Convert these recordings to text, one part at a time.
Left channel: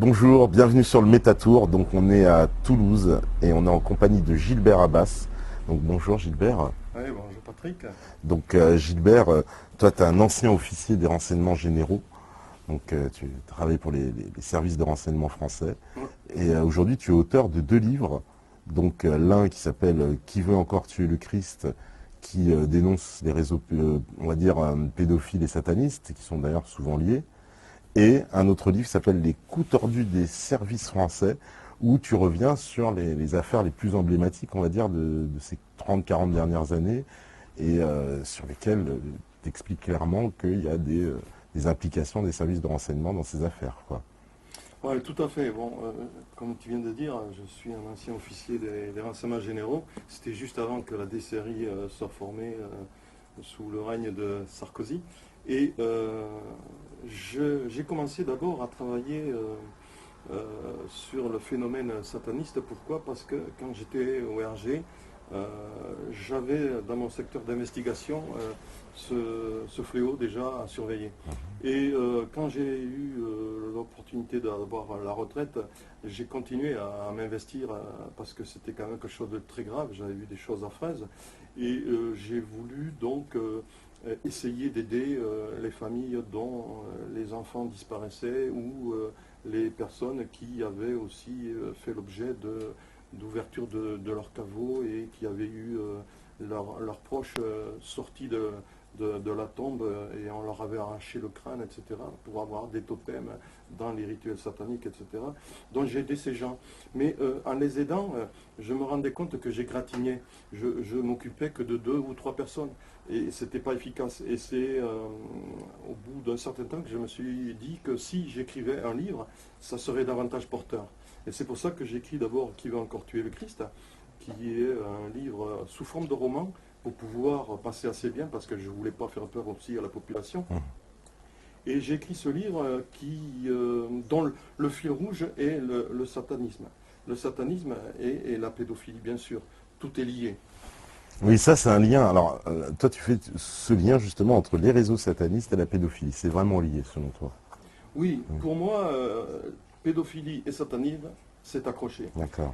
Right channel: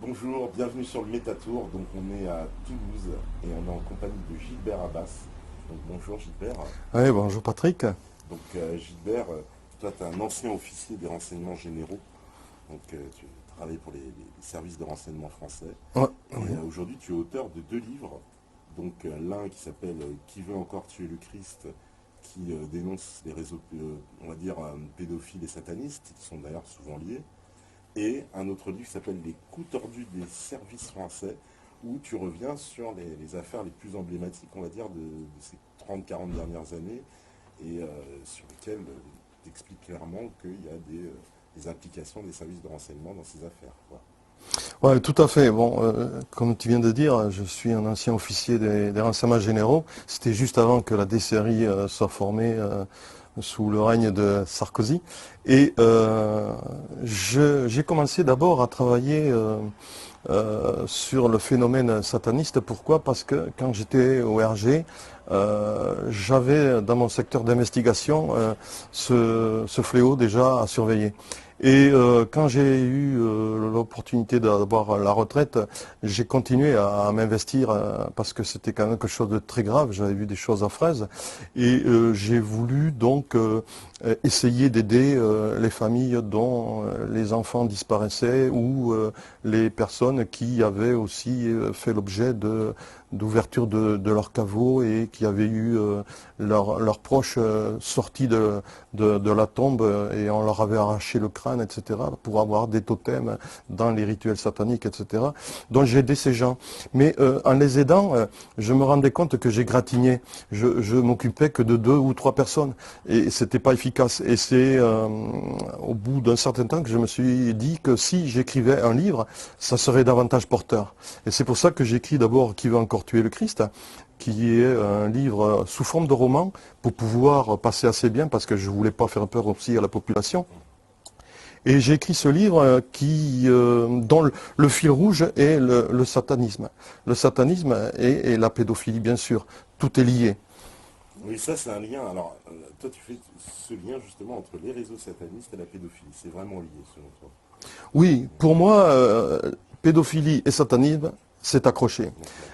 Bonjour, bienvenue sur le Métatour. Donc on est à Toulouse et on est en compagnie de Gilbert Abbas. Donc bonjour Gilbert. Oui, bonjour Patrick. Donc Gilbert, toi tu es un ancien officier des renseignements généraux. Donc tu travailles pour les services de renseignement français. Ouais. Et aujourd'hui tu es auteur de 2 livres. Donc l'un qui s'appelle Qui veut encore tuer le Christ, qui dénonce les réseaux, on va dire, pédophiles et satanistes, qui sont d'ailleurs souvent liés. Et un autre livre qui s'appelle Les coups tordus des services français, où tu reviens sur les affaires les plus emblématiques, on va dire, de ces 30-40 dernières années, et sur lesquelles tu expliques clairement qu'il y a des implications des services de renseignement dans ces affaires, quoi. Ouais, tout à fait. Bon, comme tu viens de dire, je suis un ancien officier des renseignements généraux. C'était juste avant que la DCRI soit formée sous le règne de Sarkozy. Et j'ai commencé d'abord à travailler sur le phénomène sataniste. Pourquoi? Parce que quand j'étais au RG, j'avais dans mon secteur d'investigation ce fléau déjà à surveiller. Et quand j'ai eu l'opportunité d'avoir la retraite, j'ai continué à m'investir parce que c'était quand même quelque chose de très grave. J'avais vu des choses affreuses. Et j'ai voulu donc essayer d'aider les familles dont les enfants disparaissaient ou les personnes qui avaient aussi fait l'objet d'ouverture de leur caveau et qui avaient eu leurs proches sortis de la tombe et on leur avait arraché le crâne, etc., pour avoir des totems dans les rituels sataniques, etc. Donc j'ai aidé ces gens. Mais en les aidant, je me rendais compte que j'égratignais. Je m'occupais que de 2 ou 3 personnes et c'était pas efficace. Et c'est au bout d'un certain temps que je me suis dit que si j'écrivais un livre, ça serait davantage porteur. Et c'est pour ça que j'écris d'abord Qui veut encore tuer le Christ, qui est un livre sous forme de roman pour pouvoir passer assez bien parce que je ne voulais pas faire peur aussi à la population. Et j'ai écrit ce livre dont le fil rouge est le satanisme. Le satanisme et la pédophilie, bien sûr. Tout est lié. Oui, ça c'est un lien. Alors, toi tu fais ce lien justement entre les réseaux satanistes et la pédophilie. C'est vraiment lié selon toi. Oui, pour moi, pédophilie et satanisme, c'est accroché. D'accord.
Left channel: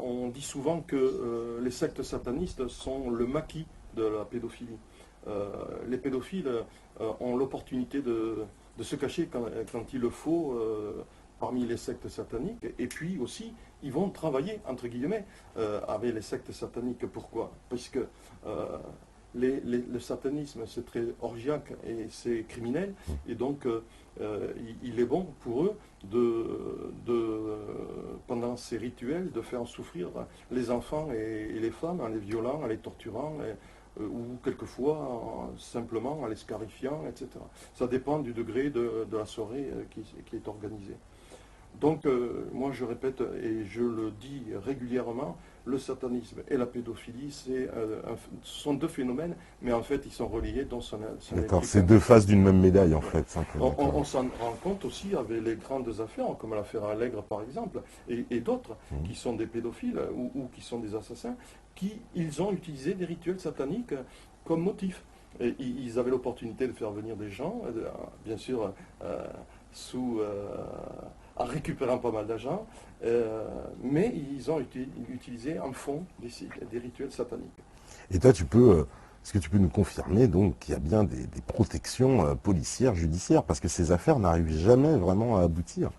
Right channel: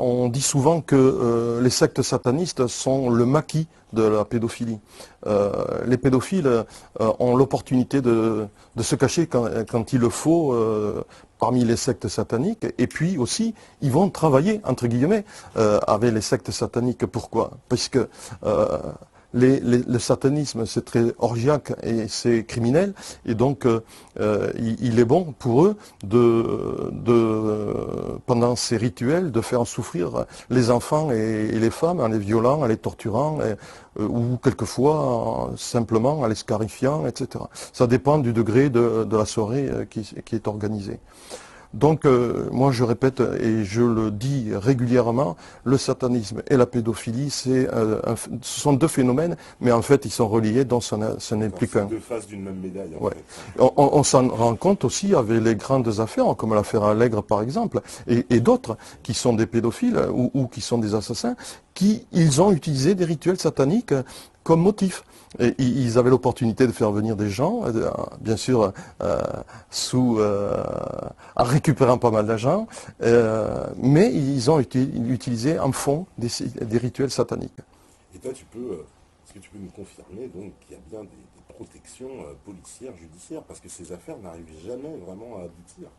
On dit souvent que les sectes satanistes sont le maquis de la pédophilie. Les pédophiles ont l'opportunité de se cacher quand il le faut parmi les sectes sataniques. Et puis aussi, ils vont travailler, entre guillemets, avec les sectes sataniques. Pourquoi? Parce que le satanisme, c'est très orgiaque et c'est criminel. Et donc, il est bon pour eux, pendant ces rituels, de faire souffrir les enfants et les femmes en les violant, en les torturant, ou quelquefois simplement en les scarifiant, etc. Ça dépend du degré de la soirée qui est organisée. Donc, moi je répète et je le dis régulièrement, le satanisme et la pédophilie, ce sont 2 phénomènes, mais en fait ils sont reliés, donc ce n'est D'accord. plus C'est qu'un. 2 faces d'une même médaille en Ouais. fait. On s'en rend compte aussi avec les grandes affaires, comme l'affaire Allègre par exemple, et d'autres qui sont des pédophiles ou qui sont des assassins, ils ont utilisé des rituels sataniques comme motif. Et ils avaient l'opportunité de faire venir des gens, bien sûr, en récupérant pas mal d'argent, mais ils ont utilisé en fond des rituels sataniques. Et toi, est-ce que tu peux nous confirmer donc qu'il y a bien des protections policières, judiciaires, parce que ces affaires n'arrivent jamais vraiment à aboutir.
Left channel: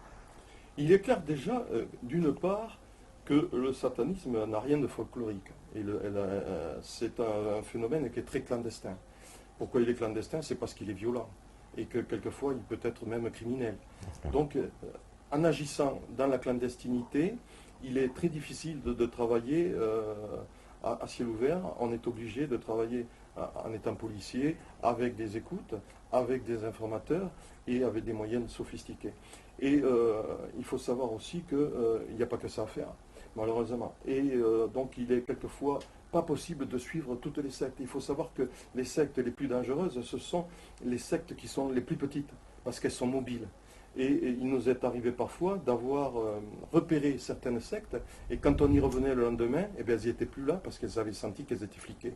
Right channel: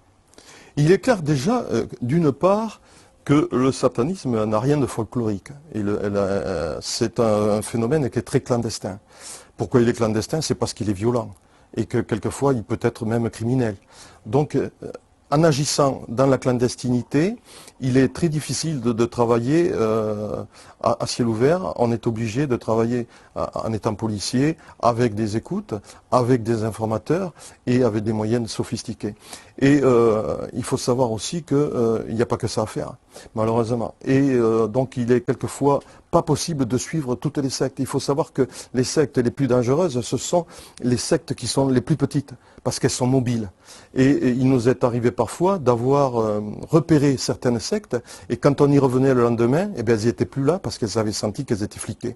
Il est clair déjà, d'une part, que le satanisme n'a rien de folklorique. C'est un phénomène qui est très clandestin. Pourquoi il est clandestin? C'est parce qu'il est violent et que quelquefois il peut être même criminel. Donc, en agissant dans la clandestinité, il est très difficile de travailler à ciel ouvert. On est obligé de travailler en étant policier avec des écoutes, avec des informateurs et avec des moyens sophistiqués. Et il faut savoir aussi qu'il n'y a pas que ça à faire, malheureusement. Et donc il est quelquefois pas possible de suivre toutes les sectes. Il faut savoir que les sectes les plus dangereuses, ce sont les sectes qui sont les plus petites, parce qu'elles sont mobiles. Et il nous est arrivé parfois d'avoir repéré certaines sectes, et quand on y revenait le lendemain, eh bien, elles n'étaient plus là parce qu'elles avaient senti qu'elles étaient fliquées.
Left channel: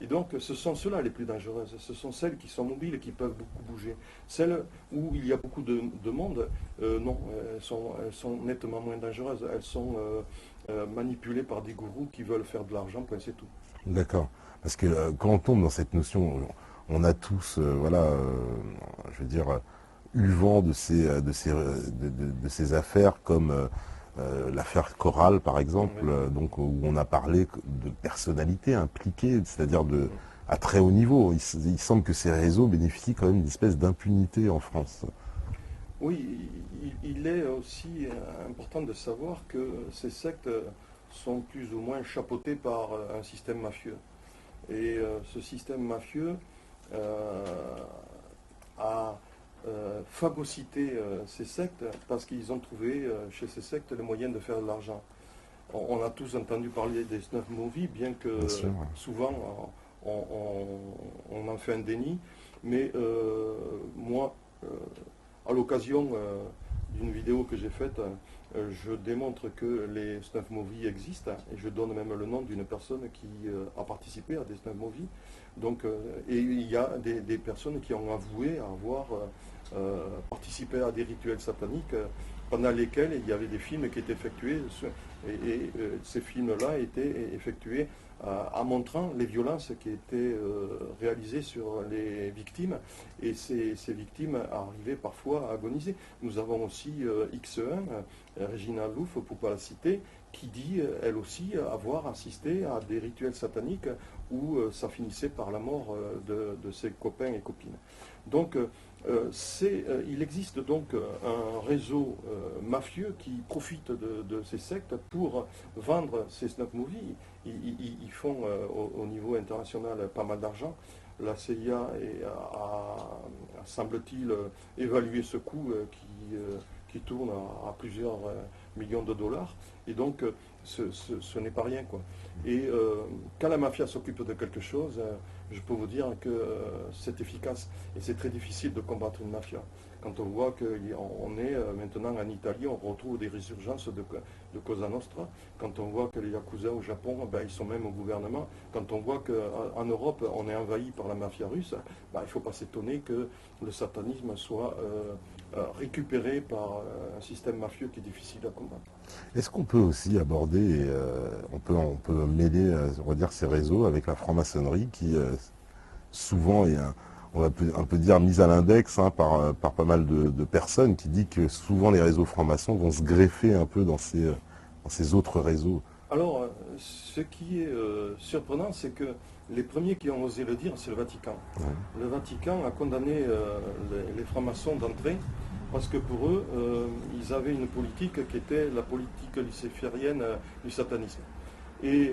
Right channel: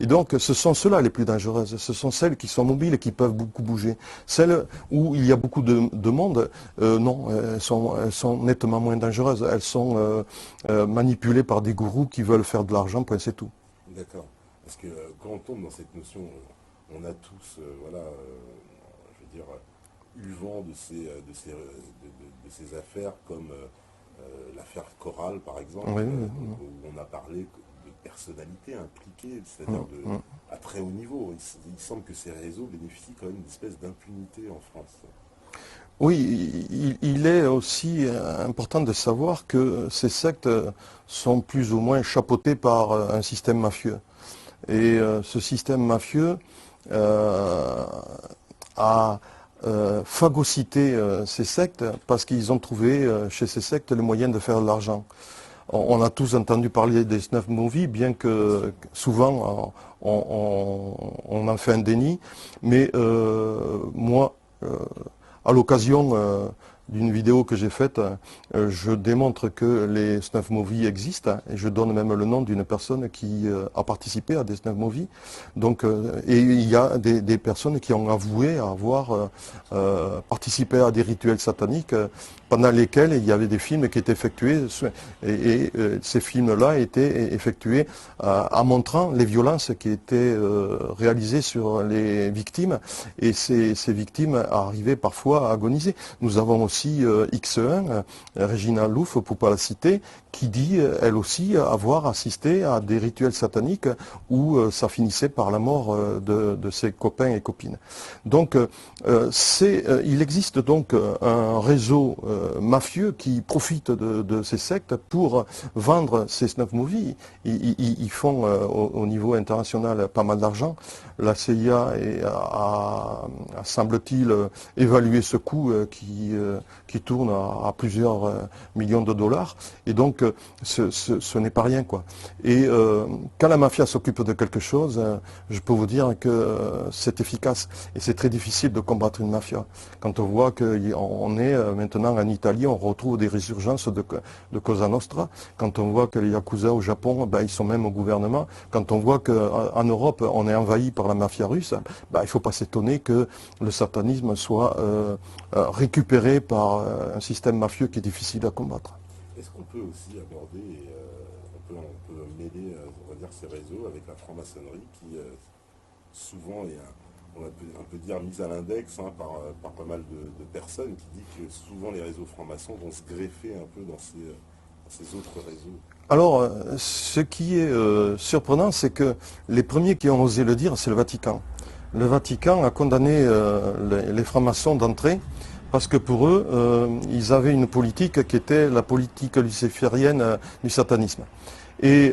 Et donc, ce sont ceux-là les plus dangereuses. Ce sont celles qui sont mobiles et qui peuvent beaucoup bouger. Celles où il y a beaucoup de monde, non, elles sont nettement moins dangereuses. Elles sont manipulées par des gourous qui veulent faire de l'argent, point c'est tout. D'accord. Parce que quand on tombe dans cette notion, on a tous, voilà, je veux dire, eu le vent de ces affaires comme l'affaire Chorale, par exemple, Oui. donc, où on a parlé de personnalités impliquées, c'est-à-dire Mm. à très haut niveau. Il semble que ces réseaux bénéficient quand même d'une espèce d'impunité en France. Oui, il est aussi important de savoir que ces sectes sont plus ou moins chapeautées par un système mafieux. Et ce système mafieux a phagocyté ces sectes parce qu'ils ont trouvé chez ces sectes le moyen de faire de l'argent. On a tous entendu parler des snuff movies, bien que souvent on en fait un déni. Mais moi, à l'occasion d'une vidéo que j'ai faite, je démontre que les snuff movies existent et je donne même le nom d'une personne qui a participé à des snuff movies. Donc, et il y a des personnes qui ont avoué avoir participé à des rituels sataniques pendant lesquels il y avait des films qui étaient effectués et ces films-là étaient effectués en montrant les violences qui étaient réalisées sur les victimes et ces victimes arrivaient parfois à agoniser. Nous avons aussi X1, Régina Louf, pour ne pas la citer, qui dit, elle aussi, avoir assisté à des rituels sataniques où ça finissait par la mort de ses copains et copines. Donc, il existe donc un réseau mafieux qui profite de ces sectes pour vendre ces snuff movies. Ils font au niveau international pas mal d'argent. La CIA semble-t-il, évalué ce coût qui tourne à plusieurs millions de dollars. Et donc, ce n'est pas rien, quoi. Et quand la mafia s'occupe de quelque chose, je peux vous dire que c'est efficace. Et c'est très difficile de combattre une mafia. Quand on voit qu'on est maintenant en Italie, on retrouve des résurgences de Cosa Nostra. Quand on voit que les Yakuza au Japon, ben, ils sont même au gouvernement. Quand on voit qu'en Europe, on est envahi par la mafia russe, ben, il ne faut pas s'étonner que le satanisme soit récupéré par un système mafieux qui est difficile à combattre. Est-ce qu'on peut aussi aborder, on peut mêler, on va dire, ces réseaux avec la franc-maçonnerie qui souvent est, on va un peu dire, mise à l'index par pas mal de personnes qui dit que souvent les réseaux francs-maçons vont se greffer un peu dans ces autres réseaux. Alors, ce qui est surprenant, c'est que les premiers qui ont osé le dire, c'est le Vatican. Oui. Le Vatican a condamné les francs-maçons d'entrée parce que pour eux, ils avaient une politique qui était la politique luciférienne du satanisme. Et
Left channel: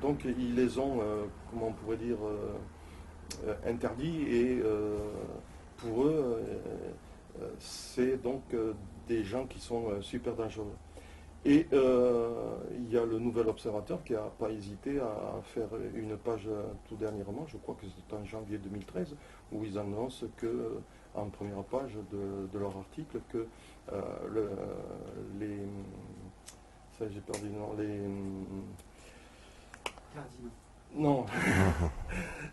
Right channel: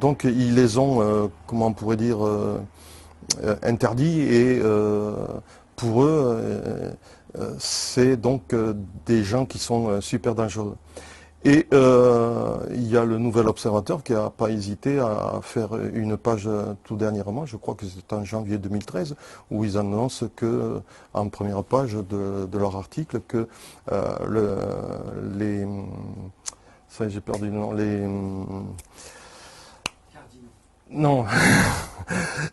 donc, ils les ont, comment on pourrait dire, interdits. Et pour eux, c'est donc des gens qui sont super dangereux. Et il y a le Nouvel Observateur qui n'a pas hésité à faire une page tout dernièrement, je crois que c'est en janvier 2013, où ils annoncent que, en première page de leur article, que les... Ça, j'ai perdu le nom. Non,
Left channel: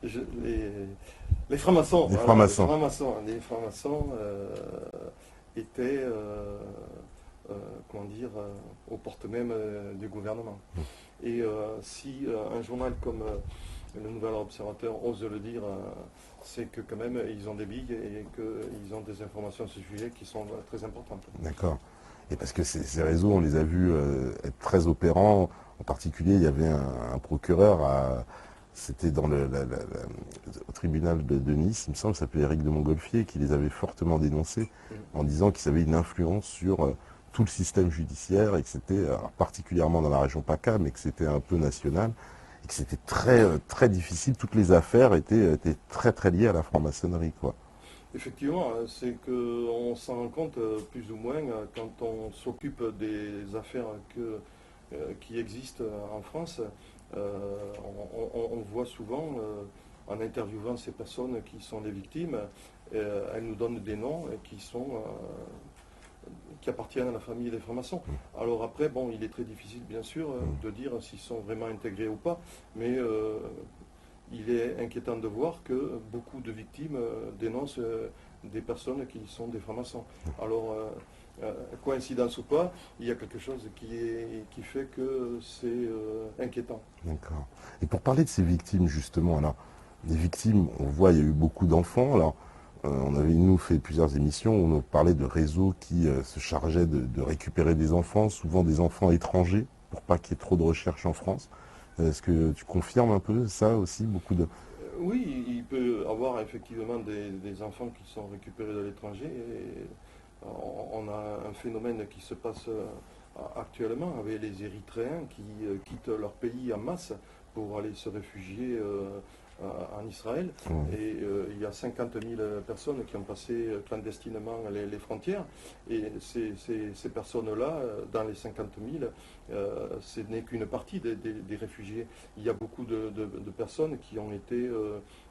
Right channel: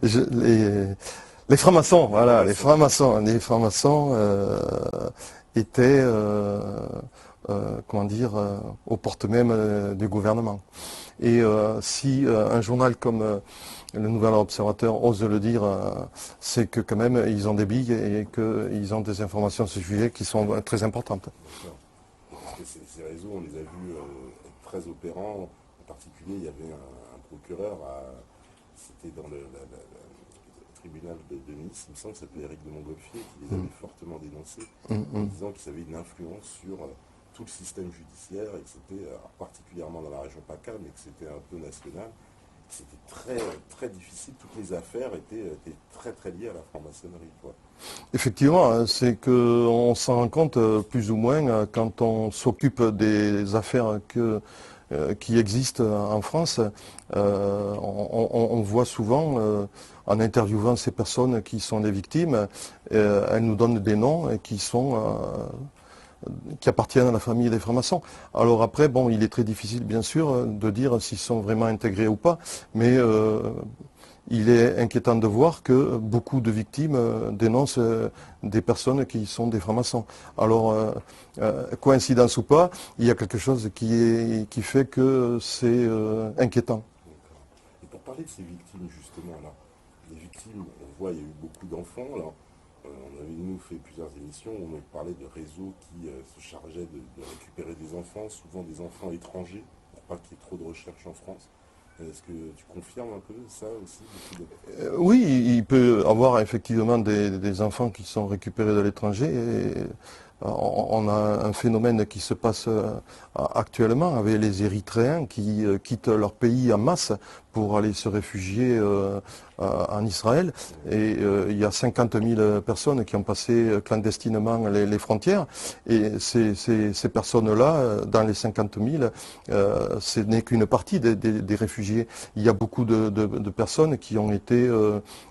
les francs-maçons, voilà, les francs-maçons étaient... comment dire, aux portes même du gouvernement. Et si un journal comme le Nouvel Observateur ose le dire, c'est que quand même ils ont des billes et qu'ils ont des informations sur ce sujet qui sont très importantes. D'accord. Et parce que ces réseaux, on les a vus être très opérants. En particulier, il y avait un procureur, c'était au tribunal de Nice, il me semble, il s'appelait Éric de Montgolfier, qui les avait fortement dénoncés en disant qu'ils avaient une influence sur tout le système judiciaire et que c'était, particulièrement dans la région PACA, mais que c'était un peu national, et que c'était très difficile. Toutes les affaires étaient très très liées à la franc-maçonnerie, quoi. Effectivement, c'est qu'on s'en rend compte plus ou moins quand on s'occupe des affaires qui existent en France. On voit souvent, en interviewant ces personnes qui sont des victimes, elles nous donnent des noms et qui appartiennent à la famille des francs-maçons. Alors après, bon, il est très difficile, bien sûr, de dire s'ils sont vraiment intégrés ou pas, mais il est inquiétant de voir que beaucoup de victimes dénoncent des personnes qui sont des francs-maçons. Alors, coïncidence ou pas, il y a quelque chose qui fait que c'est inquiétant. D'accord. Et pour parler de ces victimes, justement, alors, les victimes, on voit, il y a eu beaucoup d'enfants. Alors, on avait, nous, fait plusieurs émissions où on parlait de réseaux qui se chargeaient de récupérer des enfants, souvent des enfants étrangers, pour pas qu'il y ait trop de recherches en France. Est-ce que tu confirmes un peu ça aussi, beaucoup de... Oui, il peut avoir effectivement des enfants qui sont récupérés de l'étranger. On a un phénomène qui se passe actuellement avec les Érythréens qui quittent leur pays en masse pour aller se réfugier en Israël. Et il y a 50 000 personnes qui ont passé clandestinement les frontières. Et ces personnes-là, dans les 50 000, ce n'est qu'une partie des réfugiés. Il y a beaucoup de personnes qui ont été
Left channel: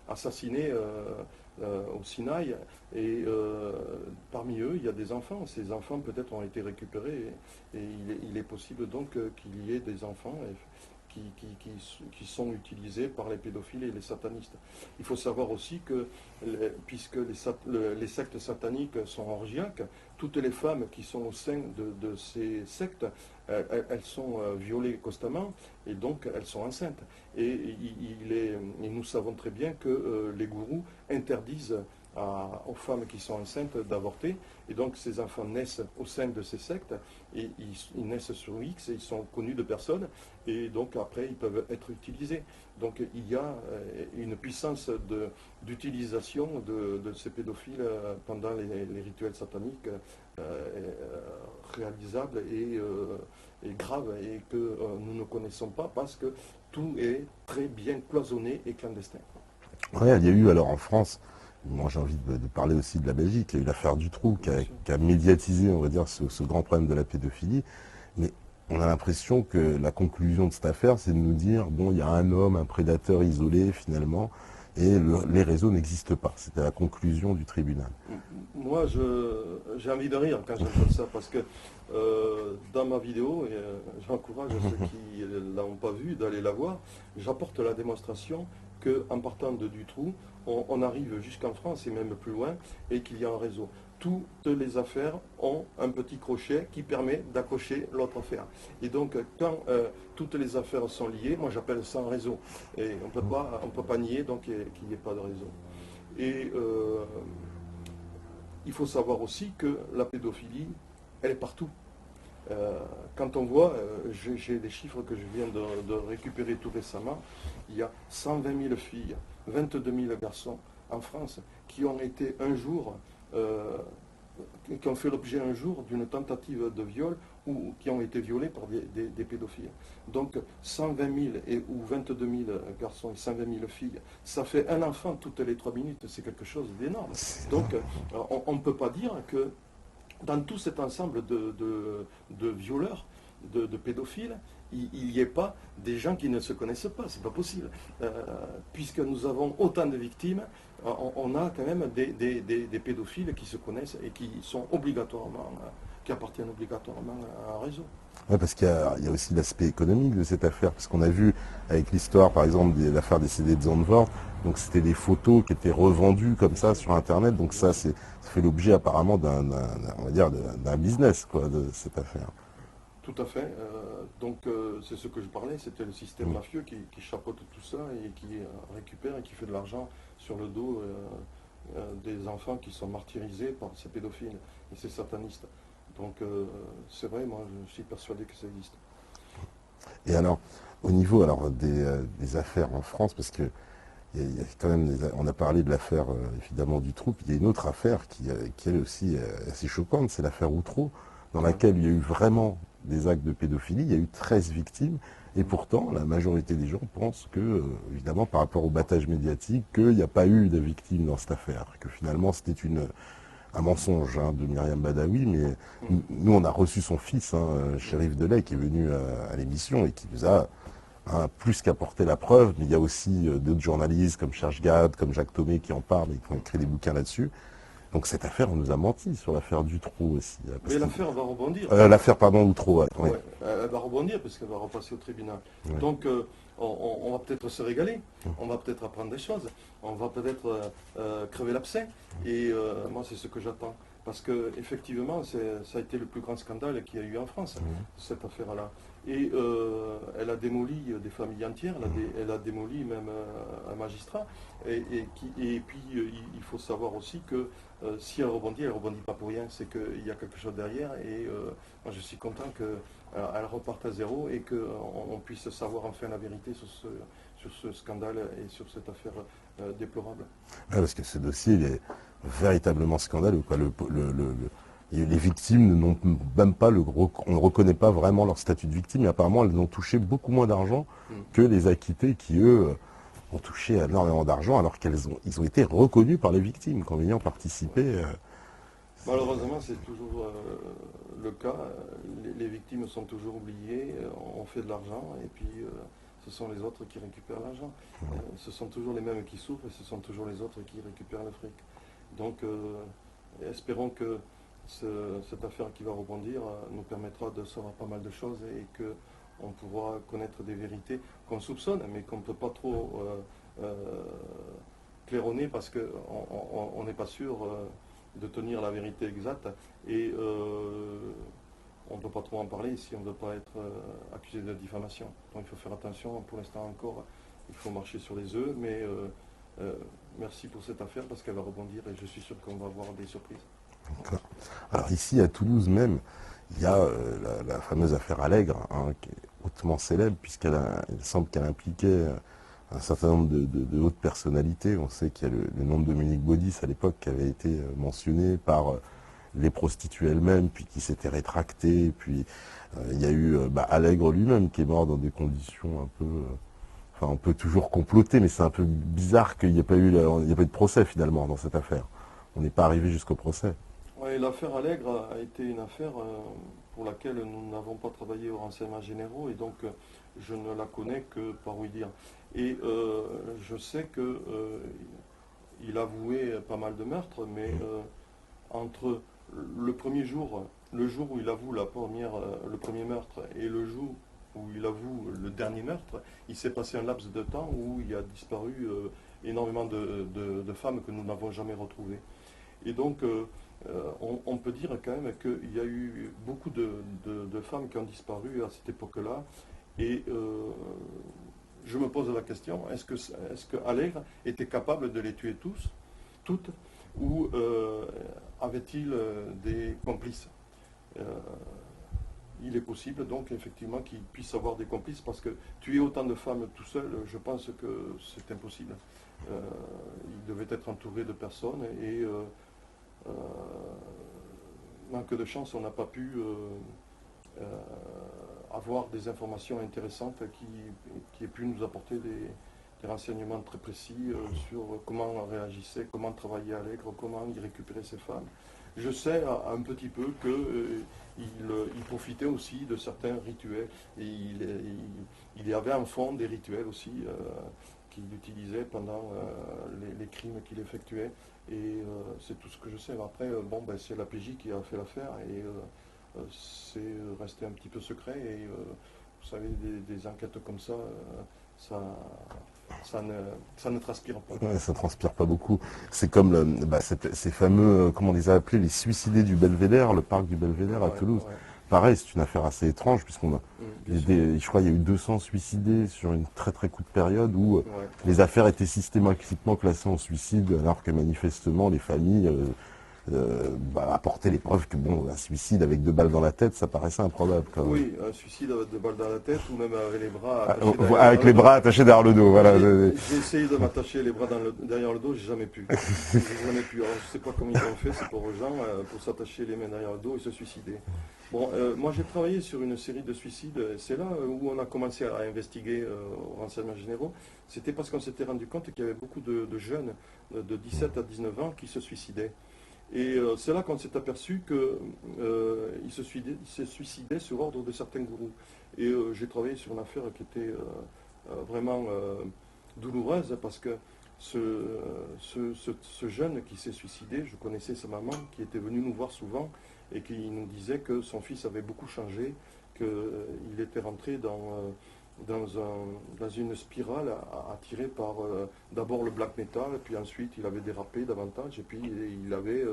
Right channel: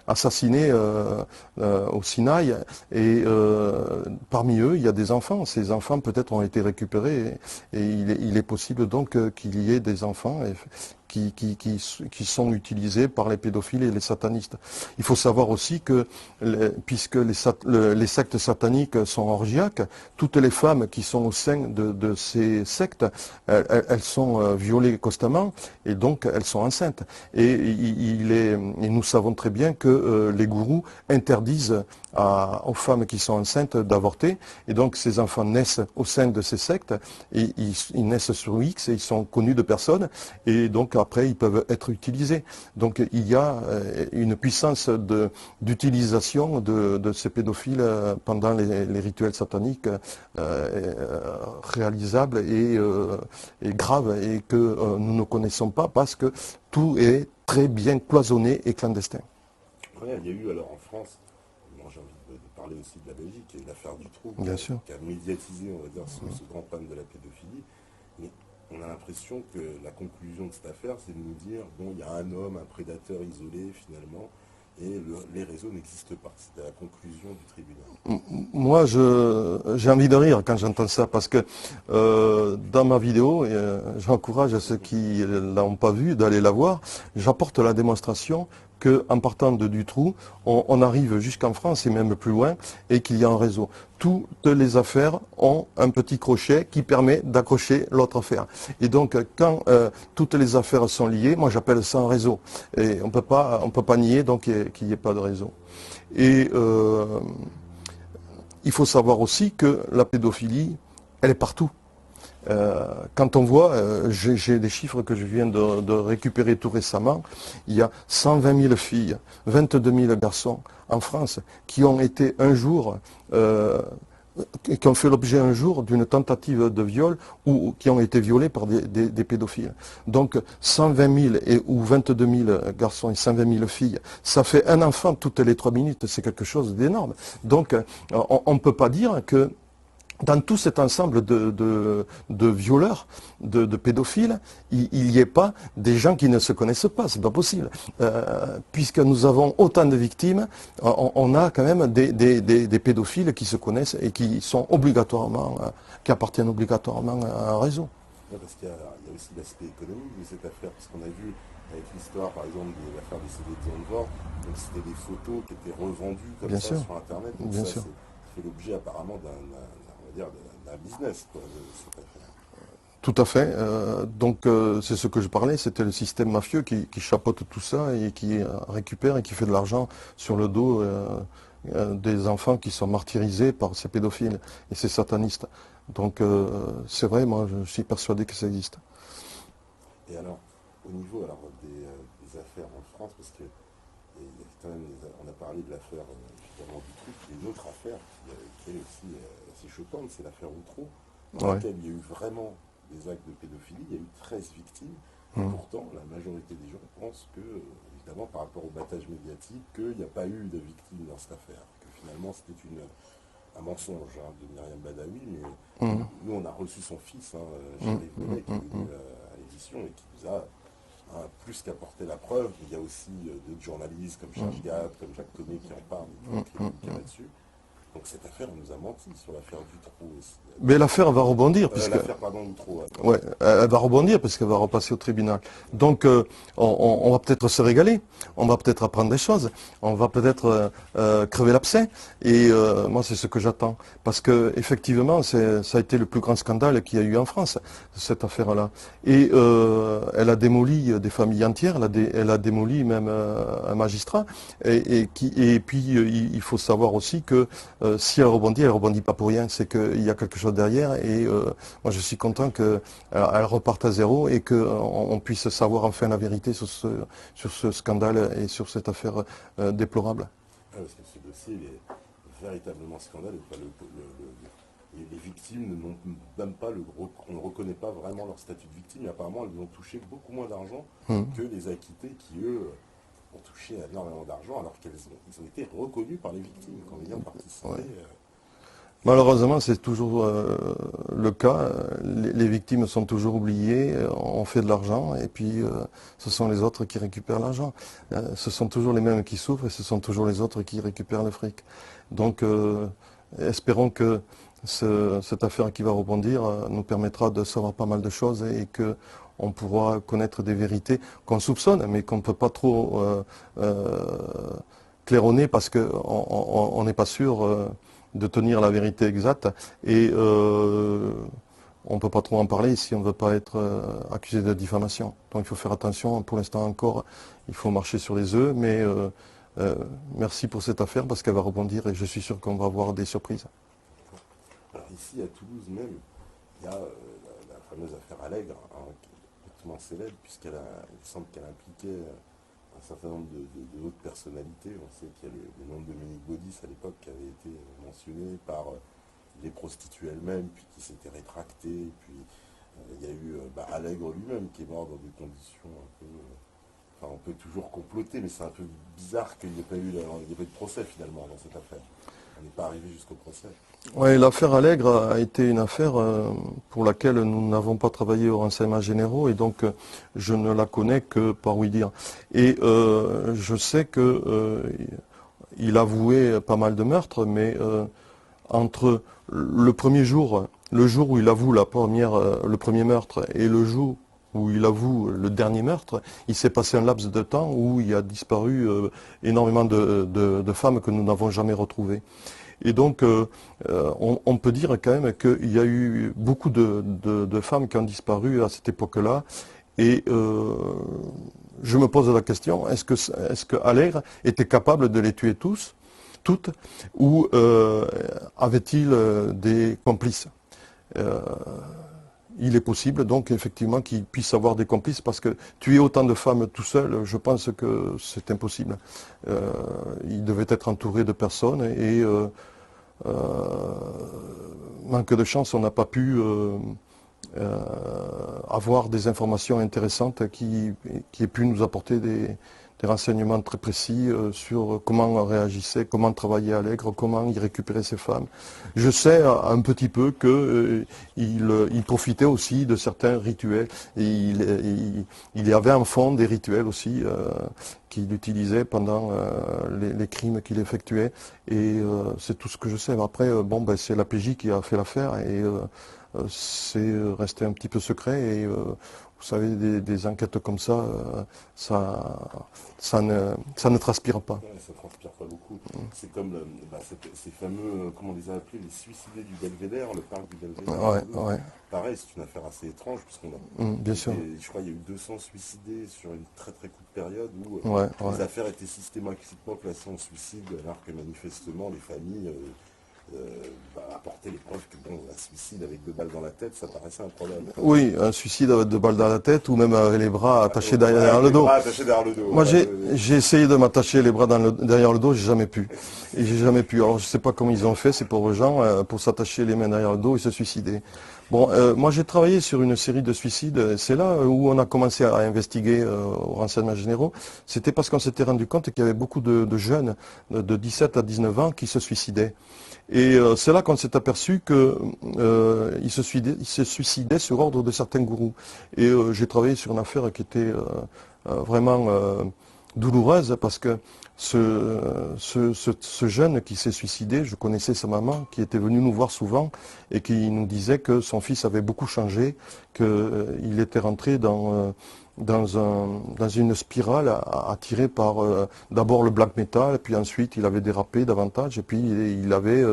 assassinées au Sinaï. Et parmi eux, il y a des enfants. Ces enfants peut-être ont été récupérés. Et il est possible donc qu'il y ait des enfants qui sont utilisés par les pédophiles et les satanistes. Il faut savoir aussi que, puisque les sectes sataniques sont orgiaques, toutes les femmes qui sont au sein de ces sectes, elles sont violées constamment et donc elles sont enceintes. Et nous savons très bien que les gourous interdisent aux femmes qui sont enceintes d'avorter. Et donc ces enfants naissent au sein de ces sectes et ils naissent sur X et ils sont connus de personne. Et donc après ils peuvent être utilisés. Donc il y a une puissance d'utilisation de ces pédophiles pendant les rituels sataniques réalisables et graves et que nous ne connaissons pas parce que tout est très bien cloisonné et clandestin. Ouais, il y a eu alors en France, moi j'ai envie de parler aussi de la Belgique, il y a eu l'affaire Dutroux qui a médiatisé, on va dire, ce grand problème de la pédophilie. Mais on a l'impression que la conclusion de cette affaire, c'est de nous dire, bon, il y a un homme, un prédateur isolé finalement, et les réseaux n'existent pas. C'était la conclusion du tribunal. Moi, j'ai envie de rire quand j'entends ça, parce que dans ma vidéo, j'encourage ceux qui ne l'ont pas vue d'aller la voir, j'apporte la démonstration qu'en partant de Dutroux, on arrive jusqu'en France et même plus loin, et qu'il y a un réseau. Toutes les affaires ont un petit crochet qui permet d'accrocher l'autre affaire. Et donc, quand toutes les affaires sont liées, moi j'appelle ça un réseau. Et on peut pas nier donc qu'il n'y ait pas de réseau. Et il faut savoir aussi que la pédophilie, elle est partout. Quand on voit, j'ai des chiffres que je viens de récupérer tout récemment, il y a 120 000 filles, 22 000 garçons en France qui ont été un jour, qui ont fait l'objet un jour d'une tentative de viol ou qui ont été violés par des pédophiles. Donc 120 000 ou 22 000 garçons et 120 000 filles, ça fait un enfant toutes les 3 minutes, c'est quelque chose d'énorme. Donc on ne peut pas dire que dans tout cet ensemble de violeurs, de pédophiles, il n'y ait pas des gens qui ne se connaissent pas, c'est pas possible. Puisque nous avons autant de victimes, on a quand même des pédophiles qui se connaissent et qui sont obligatoirement, qui appartiennent obligatoirement à un réseau. Oui, parce qu'il y a aussi l'aspect économique de cette affaire, parce qu'on a vu avec l'histoire, par exemple, de l'affaire des CD de Zandvoort, donc c'était des photos qui étaient revendues comme ça sur Internet, donc ça fait l'objet apparemment d'un business, quoi, de cette affaire. Tout à fait. Donc c'est ce que je parlais, c'était le système mafieux qui chapeaute tout ça et qui récupère et qui fait de l'argent sur le dos des enfants qui sont martyrisés par ces pédophiles et ces satanistes. Donc c'est vrai, moi je suis persuadé que ça existe. Et alors, au niveau des affaires en France, parce que il y a quand même on a parlé de l'affaire évidemment du Dutroux, il y a une autre affaire qui est aussi assez choquante, c'est l'affaire Outreau, dans laquelle il y a eu vraiment des actes de pédophilie, il y a eu 13 victimes, et pourtant la majorité des gens pensent que, évidemment par rapport au battage médiatique, qu'il n'y a pas eu de victimes dans cette affaire, que finalement c'était un mensonge de Myriam Badawi, mais nous on a reçu son fils, Chérif Delay, qui est venu à l'émission et qui nous a plus qu'apporter la preuve, mais il y a aussi d'autres journalistes comme Serge Gade, comme Jacques Thomé qui en parlent et qui ont écrit des bouquins là-dessus. Donc cette affaire, on nous a menti sur l'affaire Dutroux aussi. Mais l'affaire va rebondir. L'affaire, pardon, Outreau. Ouais. Ouais, elle va rebondir parce qu'elle va repasser au tribunal. Ouais. Donc on va peut-être se régaler, on va peut-être apprendre des choses, on va peut-être crever l'abcès. Et moi c'est ce que j'attends. Parce que effectivement, ça a été le plus grand scandale qu'il y a eu en France, cette affaire-là. Et elle a démoli des familles entières, elle a démoli même un magistrat. Et puis il faut savoir aussi que si elle rebondit pas pour rien, c'est qu'il y a quelque chose derrière. Et moi je suis content qu'elle reparte à zéro et qu'on puisse savoir enfin la vérité sur ce scandale et sur cette affaire déplorable. Ouais, parce que ce dossier, il est véritablement scandaleux. Quoi. Les victimes n'ont même pas on ne reconnaît pas vraiment leur statut de victime, et apparemment elles ont touché beaucoup moins d'argent que les acquittés qui, eux, ont touché énormément d'argent alors ils ont été reconnus par les victimes comme ayant participé. Ouais. Malheureusement, c'est toujours le cas. Les victimes sont toujours oubliées, on fait de l'argent et puis ce sont les autres qui récupèrent l'argent. Ce sont toujours les mêmes qui souffrent et ce sont toujours les autres qui récupèrent le fric. Donc espérons que cette affaire qui va rebondir nous permettra de savoir pas mal de choses et qu'on pourra connaître des vérités qu'on soupçonne mais qu'on ne peut pas trop claironner parce qu'on n'est pas sûr de tenir la vérité exacte et on ne peut pas trop en parler si on ne veut pas être accusé de diffamation. Donc il faut faire attention, pour l'instant encore, il faut marcher sur les œufs, mais merci pour cette affaire parce qu'elle va rebondir et je suis sûr qu'on va avoir des surprises. Alors ici à Toulouse même, il y a la fameuse affaire Allègre, qui est hautement célèbre puisqu'il semble qu'elle impliquait un certain nombre de hautes personnalités. On sait qu'il y a le nom de Dominique Baudis à l'époque qui avait été mentionné par les prostituées elles-mêmes, puis qui s'était rétracté. Puis il y a eu Allègre lui-même qui est mort dans des conditions un peu... Enfin, on peut toujours comploter, mais c'est un peu bizarre qu'il n'y ait pas eu de procès finalement dans cette affaire. On n'est pas arrivé jusqu'au procès. Oui, l'affaire Allègre a été une affaire pour laquelle nous n'avons pas travaillé aux renseignements généraux et donc je ne la connais que par oui dire. Et je sais qu'il avouait pas mal de meurtres, mais entre le premier jour, le jour où il avoue le premier meurtre et le jour où il avoue le dernier meurtre, il s'est passé un laps de temps où il a disparu énormément de femmes que nous n'avons jamais retrouvées. Et donc, on peut dire quand même qu'il y a eu beaucoup de femmes qui ont disparu à cette époque-là. Et je me pose la question, est-ce que Allègre était capable de les tuer toutes, ou avait-il des complices? Il est possible donc effectivement qu'il puisse avoir des complices parce que tuer autant de femmes tout seul, je pense que c'est impossible. Il devait être entouré de personnes et manque de chance, on n'a pas pu avoir des informations intéressantes qui aient pu nous apporter des renseignements très précis sur comment réagissait, comment travaillait Allègre, comment il récupérait ses femmes. Je sais un petit peu qu'il profitait aussi de certains rituels. Et il y avait en fond des rituels aussi qu'il utilisait pendant les crimes qu'il effectuait. Et c'est tout ce que je sais. Après, c'est la PJ qui a fait l'affaire et c'est resté un petit peu secret. Et vous savez, des enquêtes comme ça, ça ne transpire pas. Ouais, ça ne transpire pas beaucoup. C'est comme ces fameux, comment on les a appelés, les suicidés du Belvédère, le parc du Belvédère à Toulouse. Ouais. Pareil, c'est une affaire assez étrange, puisqu'on a, je crois qu'il y a eu 200 suicidés sur une très très courte période où les affaires étaient systématiquement classées en suicide, alors que manifestement les familles apporter les preuves que un suicide avec 2 balles dans la tête, ça paraissait improbable. Oui, un suicide avec 2 balles dans la tête ou même avec les bras attachés derrière le dos. Avec les bras attachés derrière le dos. Moi, j'ai essayé de m'attacher les bras derrière le dos, j'ai jamais pu. J'ai jamais pu. Alors, je sais pas comment ils ont fait, ces pauvres gens, pour s'attacher les mains derrière le dos et se suicider. Bon, moi j'ai travaillé sur une série de suicides. C'est là où on a commencé à investiguer aux renseignements généraux. C'était parce qu'on s'était rendu compte qu'il y avait beaucoup de jeunes de 17 à 19 ans qui se suicidaient. Et c'est là qu'on s'est aperçu qu'il se suicidait sur ordre de certains gourous. Et j'ai travaillé sur une affaire qui était vraiment douloureuse parce que ce jeune qui s'est suicidé, je connaissais sa maman qui était venue nous voir souvent et qui nous disait que son fils avait beaucoup changé, qu'il était rentré dans une spirale attirée par d'abord le black metal, et puis ensuite il avait dérapé davantage, et puis il avait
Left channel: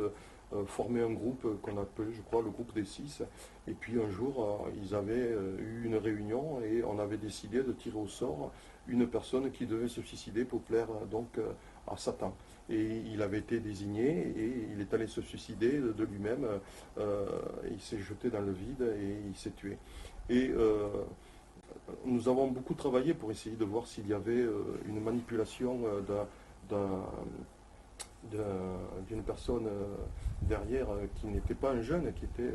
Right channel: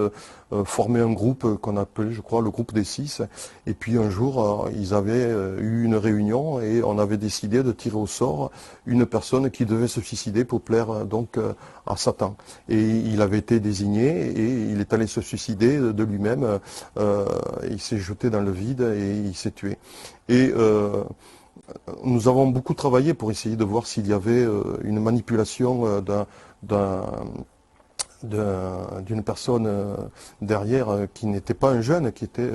formé un groupe qu'on appelait, je crois, le groupe des Six. Et puis un jour, ils avaient eu une réunion et on avait décidé de tirer au sort une personne qui devait se suicider pour plaire à Satan. Et il avait été désigné et il est allé se suicider de lui-même. Il s'est jeté dans le vide et il s'est tué. Et nous avons beaucoup travaillé pour essayer de voir s'il y avait une manipulation d'une personne derrière qui n'était pas un jeune, qui était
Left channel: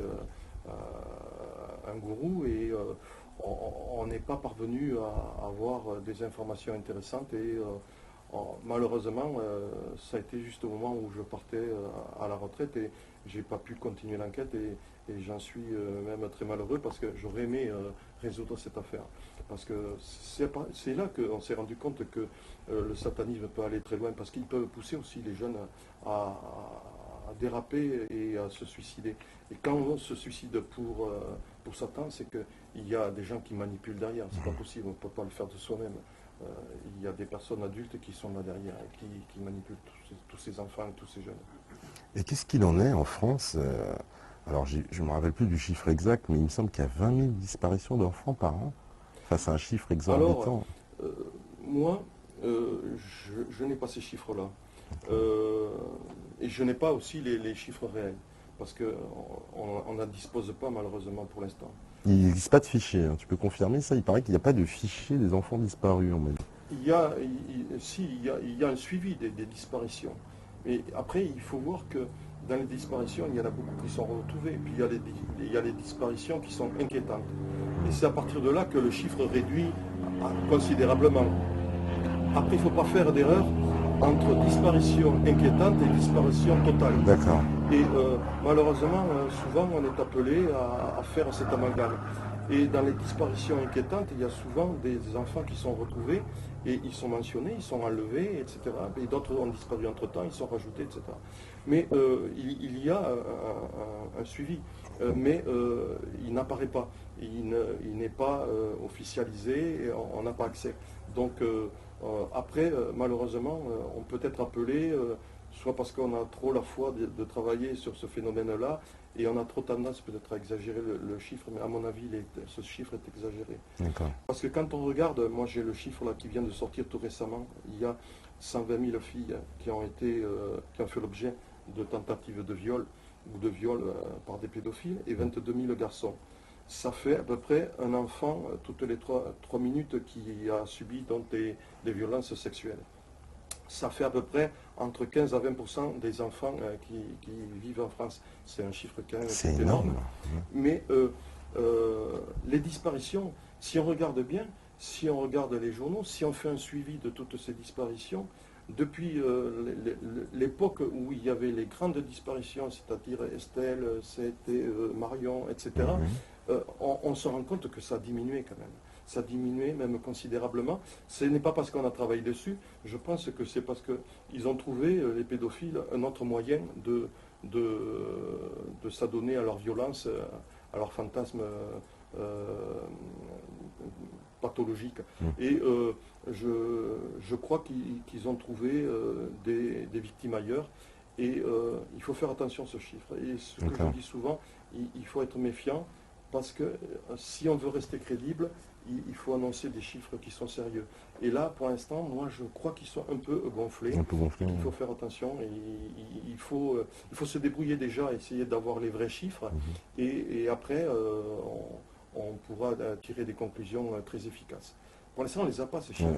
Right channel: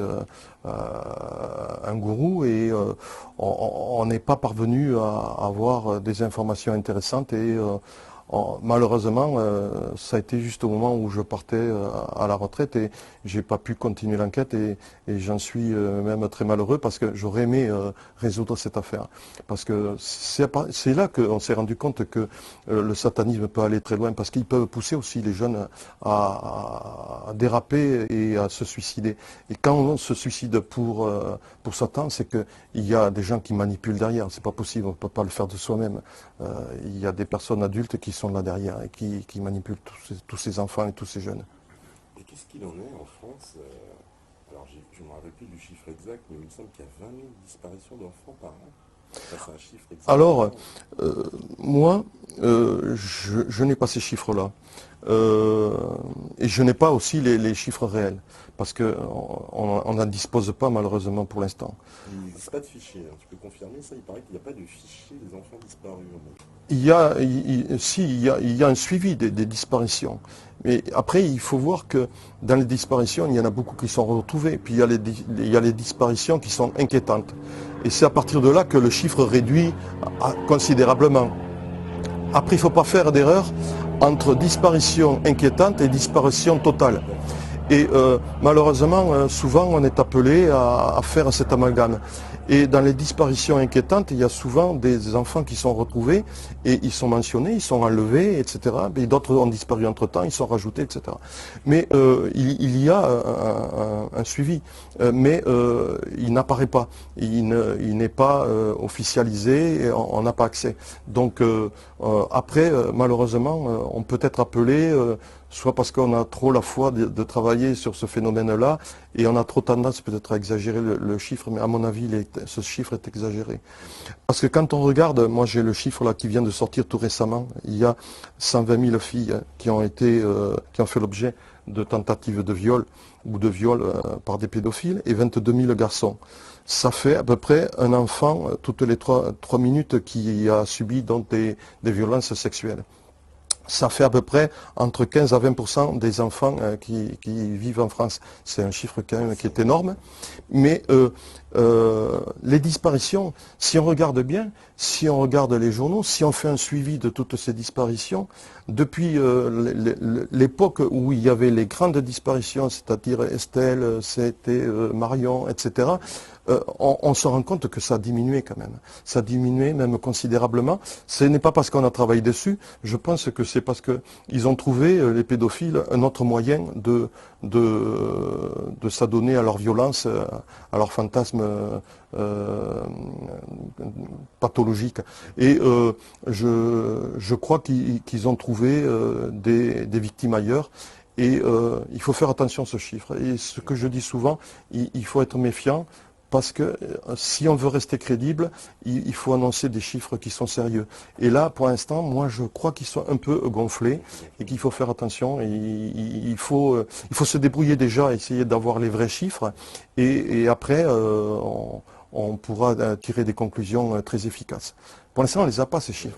un gourou, et on n'est pas parvenu à avoir des informations intéressantes, et malheureusement ça a été juste au moment où je partais à la retraite et j'ai pas pu continuer l'enquête, et j'en suis même très malheureux parce que j'aurais aimé résoudre cette affaire. Parce que c'est là qu'on s'est rendu compte que le satanisme peut aller très loin, parce qu'ils peuvent pousser aussi les jeunes à déraper et à se suicider. Et quand on se suicide pour Satan, c'est qu'il y a des gens qui manipulent derrière. C'est pas possible, on ne peut pas le faire de soi-même. Il y a des personnes adultes qui sont là derrière et qui manipulent tous ces enfants et tous ces jeunes. Et qu'est-ce qu'il en est en France alors, je ne me rappelle plus du chiffre exact, mais il me semble qu'il y a 20 000 disparitions d'enfants par an. Ça, c'est un chiffre Alors, exorbitant. moi, je n'ai pas ces chiffres-là. Et je n'ai pas aussi les chiffres réels, parce qu'on n'en dispose pas malheureusement pour l'instant. Il n'existe pas de fichier, hein. Tu peux confirmer ça? Il paraît qu'il n'y a pas de fichier des enfants disparus. Il y a un suivi des disparitions. Mais après, il faut voir que dans les disparitions, il y en a beaucoup qui sont retrouvés. Puis il y a les disparitions qui sont inquiétantes. Et c'est à partir de là que le chiffre réduit considérablement. Après, il ne faut pas faire d'erreur entre disparition inquiétante et disparition totale. D'accord. Et malheureusement, souvent, on est appelé à faire cet amalgame. Et dans les disparitions inquiétantes, il y a souvent des enfants qui sont retrouvés et ils sont mentionnés, ils sont enlevés, etc. Et d'autres ont disparu entre-temps, ils sont rajoutés, etc. Mais il y a un suivi, mais il n'apparaît pas. Il n'est pas officialisé, et on n'a pas accès. Donc après, malheureusement, on peut être appelé soit parce qu'on a trop la foi de travailler sur ce phénomène-là, et on a trop tendance peut-être à exagérer le chiffre, mais à mon avis, ce chiffre est exagéré. Parce que quand on regarde, moi j'ai le chiffre là qui vient de sortir tout récemment, il y a 120 000 filles qui ont fait l'objet de tentatives de viol ou de viol par des pédophiles, et 22 000 garçons. Ça fait à peu près un enfant toutes les 3 minutes qui a subi donc des violences sexuelles. Ça fait à peu près entre 15 à 20% des enfants qui vivent en France. C'est un chiffre quand même qui est énorme. Mais les disparitions, si on regarde bien, si on regarde les journaux, si on fait un suivi de toutes ces disparitions, depuis l'époque où il y avait les grandes disparitions, c'est-à-dire Estelle, c'était Marion, etc., on se rend compte que ça a diminué quand même. Ça a diminué même considérablement. Ce n'est pas parce qu'on a travaillé dessus, je pense que c'est parce qu'ils ont trouvé, les pédophiles, un autre moyen de s'adonner à leur violence, à leur fantasme pathologique. Et je crois qu'ils ont trouvé des victimes ailleurs. Et il faut faire attention à ce chiffre. Et ce que je dis souvent, il faut être méfiant. Parce que si on veut rester crédible, il faut annoncer des chiffres qui sont sérieux. Et là, pour l'instant, moi, je crois qu'ils sont un peu gonflés et qu'il faut faire attention. Et il faut se débrouiller déjà, essayer d'avoir les vrais chiffres. Et après, on pourra tirer des conclusions très efficaces. Pour l'instant, on ne les a pas, ces chiffres.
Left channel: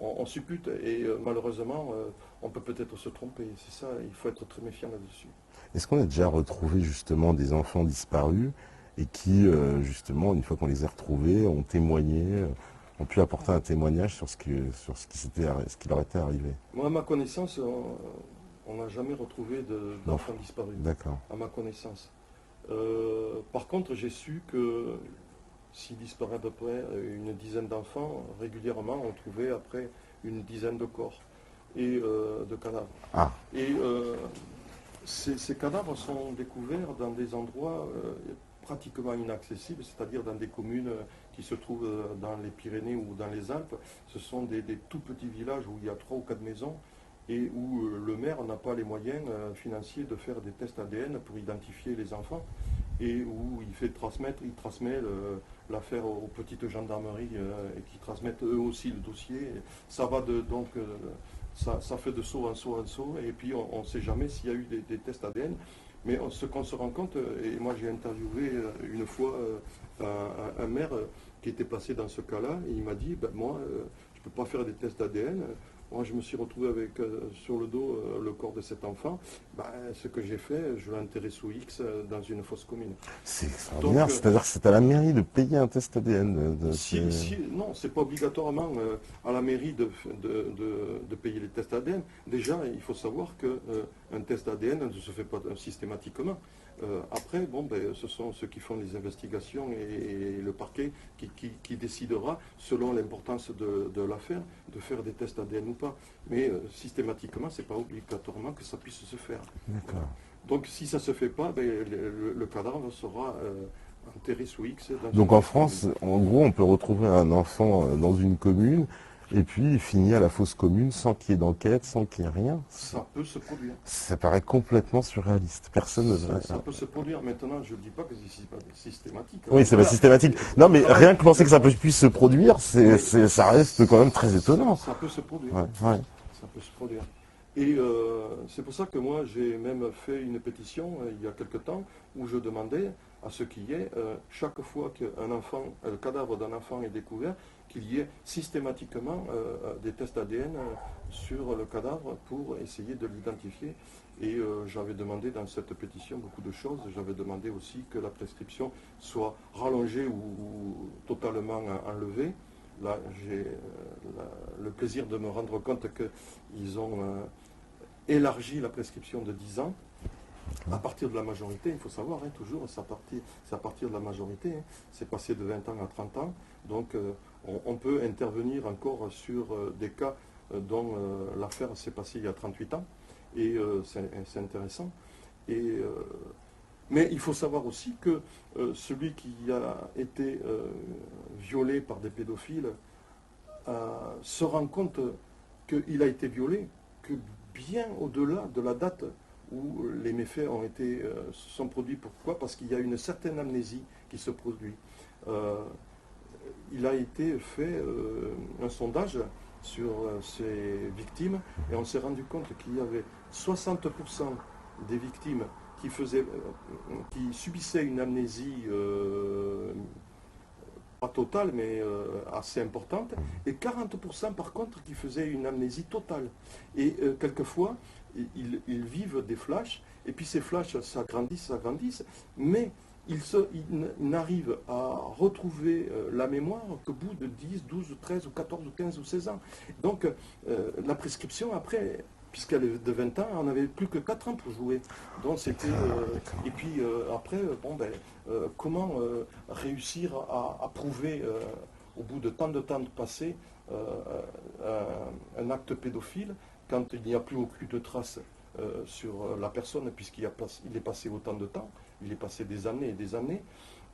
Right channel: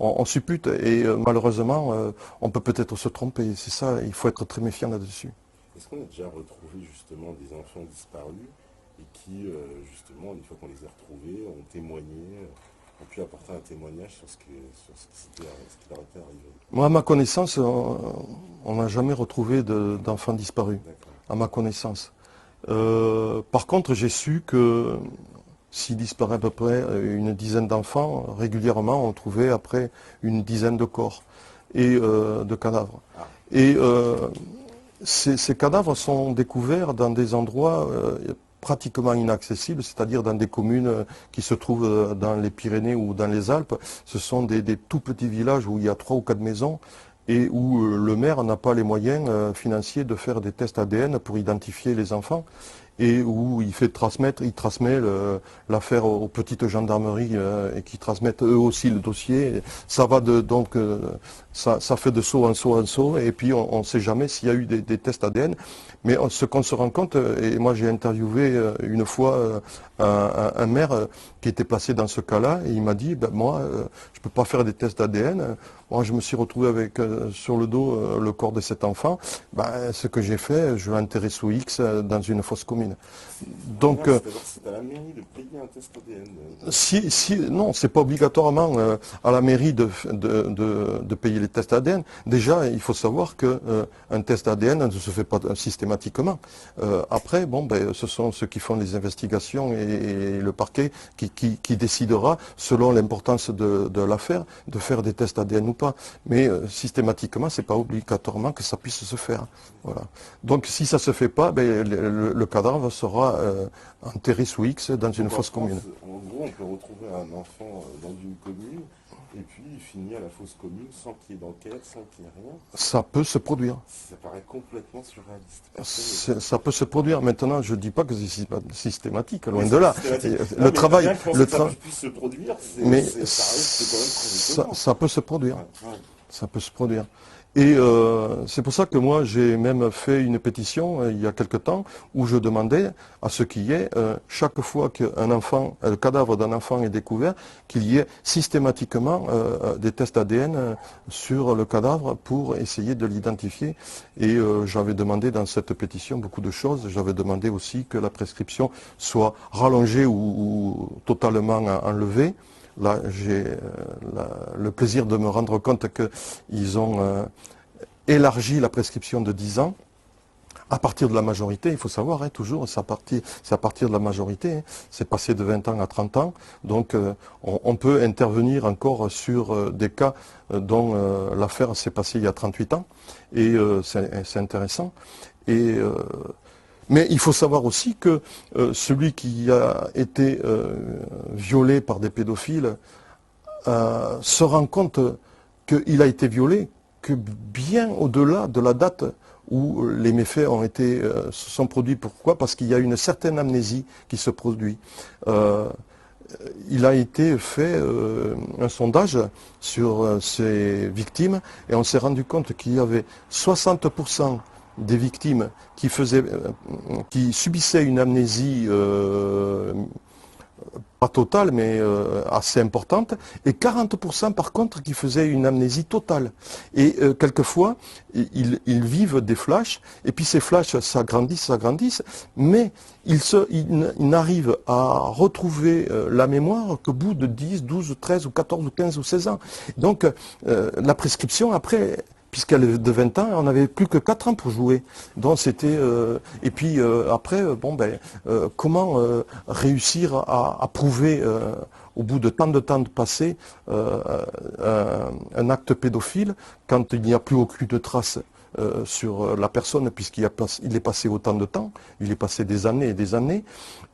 On suppute. Et malheureusement, on peut peut-être se tromper. C'est ça, il faut être très méfiant là-dessus. Est-ce qu'on a déjà retrouvé justement des enfants disparus et qui, justement, une fois qu'on les a retrouvés, ont témoigné, ont pu apporter un témoignage sur ce qui leur était arrivé? Moi, à ma connaissance, On n'a jamais retrouvé d'enfants disparus, D'accord. à ma connaissance. Par contre, j'ai su que s'il disparaît à peu près une dizaine d'enfants, régulièrement, on trouvait après une dizaine de corps et de cadavres. Ah, Et ces cadavres sont découverts dans des endroits pratiquement inaccessibles, c'est-à-dire dans des communes qui se trouvent dans les Pyrénées ou dans les Alpes. Ce sont des tout petits villages où il y a 3 ou 4 maisons et où le maire n'a pas les moyens financiers de faire des tests ADN pour identifier les enfants et où il transmet l'affaire aux petites gendarmeries et qui transmettent eux aussi le dossier. Ça va ça fait de saut en saut en saut et puis on ne sait jamais s'il y a eu des tests ADN. Mais ce qu'on se rend compte, et moi j'ai interviewé une fois un maire qui était placé dans ce cas-là, et il m'a dit, ben, moi je ne peux pas faire des tests ADN. Moi, je me suis retrouvé avec sur le dos le corps de cet enfant. Ben, ce que j'ai fait, je l'ai enterré sous X dans une fosse commune. c'est Donc, extraordinaire. C'est-à-dire que c'est à la mairie de payer un test ADN. non, c'est pas obligatoirement à la mairie de payer les tests ADN. Déjà, il faut savoir qu'un test ADN ne se fait pas systématiquement. Après, bon, ben, ce sont ceux qui font les investigations et le parquet qui décidera, selon l'importance de l'affaire, de faire des tests ADN ou pas. Mais systématiquement, c'est pas obligatoirement que ça puisse se faire. Voilà. Donc, si ça se fait pas, ben, le cadavre sera enterré sous X dans une Donc en fosse commune. France, en gros, on peut retrouver un enfant dans une commune et puis il finit à la fosse commune sans qu'il y ait d'enquête, sans qu'il y ait rien. Ça peut se produire. Ça paraît complètement surréaliste. Personne ne veut Ça peut se produire. Maintenant, je ne dis pas que c'est systématique. Oui, loin c'est de pas là. systématique. Le Non, mais travail- rien que penser le que ça tra- puisse se produire, Mais ça reste quand même très étonnant. Ça peut se produire. Ouais, ouais. Ça peut se produire. Et c'est pour ça que moi, j'ai même fait une pétition il y a quelque temps où je demandais à ce qu'il y ait, chaque fois qu'un enfant, le cadavre d'un enfant est découvert, qu'il y ait systématiquement des tests ADN sur le cadavre pour essayer de l'identifier. Et j'avais demandé dans cette pétition beaucoup de choses. J'avais demandé aussi que la prescription soit rallongée ou totalement enlevée. Là, j'ai le plaisir de me rendre compte qu'ils ont élargi la prescription de 10 ans à partir de la majorité. Il faut savoir, hein, toujours, c'est à partir de la majorité. Hein. C'est passé de 20 ans à 30 ans. Donc, on peut intervenir encore sur des cas dont l'affaire s'est passée il y a 38 ans. Et c'est intéressant. Et mais il faut savoir aussi que celui qui a été violé par des pédophiles se rend compte qu'il a été violé que bien au-delà de la date où les méfaits se sont produits. Pourquoi? Parce qu'il y a une certaine amnésie qui se produit. Il a été fait un sondage sur ces victimes et on s'est rendu compte qu'il y avait 60% des victimes qui subissaient une amnésie pas totale, mais assez importante, et 40% par contre qui faisaient une amnésie totale. Et quelquefois, ils vivent des flashs, et puis ces flashs s'agrandissent, mais ils n'arrivent à retrouver la mémoire qu'au bout de 10, 12, 13 ou 14 ou 15 ou 16 ans. Donc la prescription, après, puisqu'elle est de 20 ans, on n'avait plus que 4 ans pour jouer. Donc c'était et puis après, comment réussir à prouver au bout de tant de temps de passé un acte pédophile quand il n'y a plus aucune trace sur la personne puisqu'il est passé autant de temps, il est passé des années et des années.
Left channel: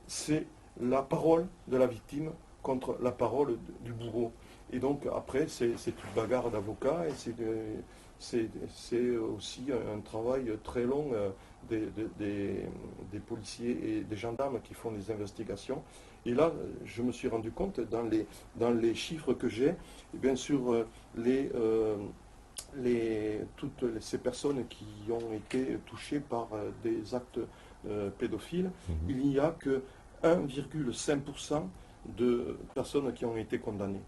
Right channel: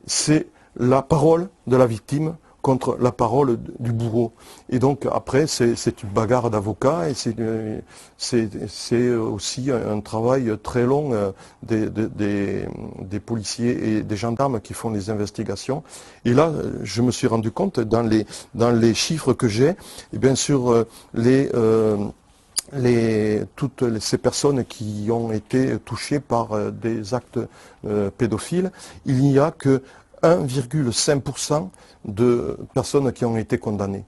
C'est la parole de la victime contre la parole du bourreau. Et donc après, c'est une bagarre d'avocats et c'est aussi un travail très long des policiers et des gendarmes qui font les investigations. Et là, je me suis rendu compte dans les chiffres que j'ai, et bien sûr toutes ces personnes qui ont été touchées par des actes pédophiles, il n'y a que 1,5% de personnes qui ont été condamnées.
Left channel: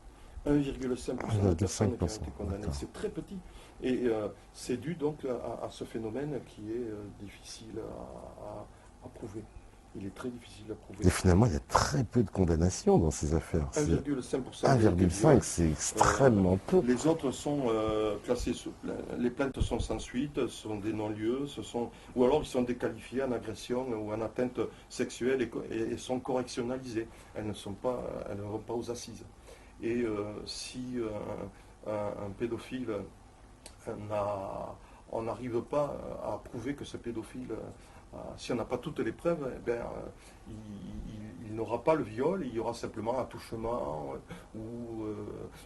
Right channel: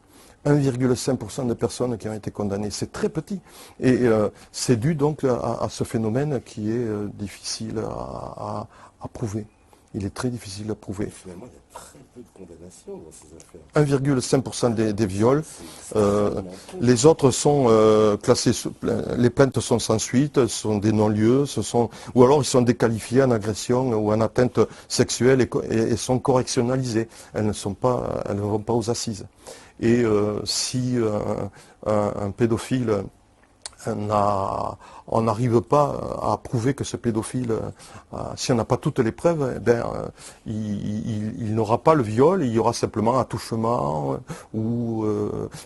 1,5% de personnes qui ont été condamnées. C'est très petit. Et c'est dû donc à ce phénomène qui est difficile à prouver. il est très difficile à prouver. Et finalement, il y a très peu de condamnations dans ces affaires. 1,5% des viols. C'est extrêmement peu. Les autres sont classés, les plaintes sont sans suite, ce sont des non-lieux, ou alors ils sont déqualifiés en agression ou en atteinte sexuelle et sont correctionnalisés. Elles ne vont pas aux assises. Et si un pédophile on n'arrive pas à prouver que ce pédophile, si on n'a pas toutes les preuves, il n'aura pas le viol, il y aura simplement un attouchement, ou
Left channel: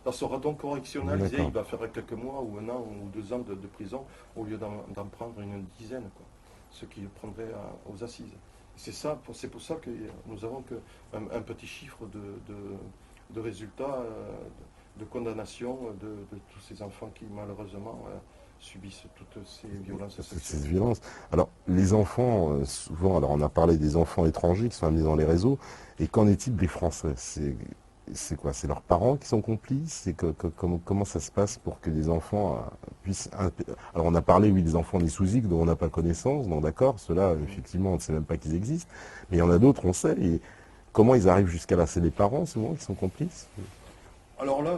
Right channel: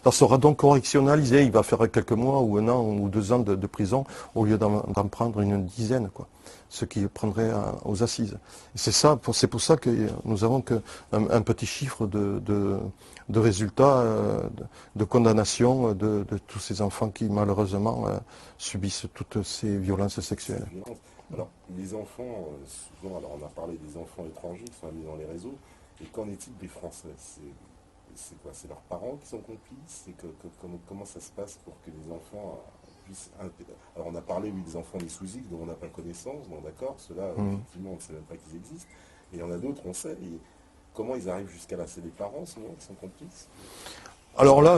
ça sera donc correctionnalisé, il va faire quelques mois ou 1 an ou 2 ans de prison au lieu d'en prendre une dizaine, quoi, ce qui prendrait aux assises. C'est pour ça que nous avons un petit chiffre de résultats, de condamnation de tous ces enfants qui malheureusement subissent toutes ces violences sexuelles. Cette violence. Alors, les enfants, souvent, alors on a parlé des enfants étrangers qui sont amenés dans les réseaux, et qu'en est-il des Français? C'est quoi? C'est leurs parents qui sont complices? Comment ça se passe pour que les enfants puissent... Alors on a parlé, oui, des enfants nés sous X dont on n'a pas connaissance, donc d'accord, ceux-là, effectivement, on ne sait même pas qu'ils existent, mais il y en a d'autres, on sait, et comment ils arrivent jusqu'à là? C'est les parents, souvent, qui sont complices? Alors là,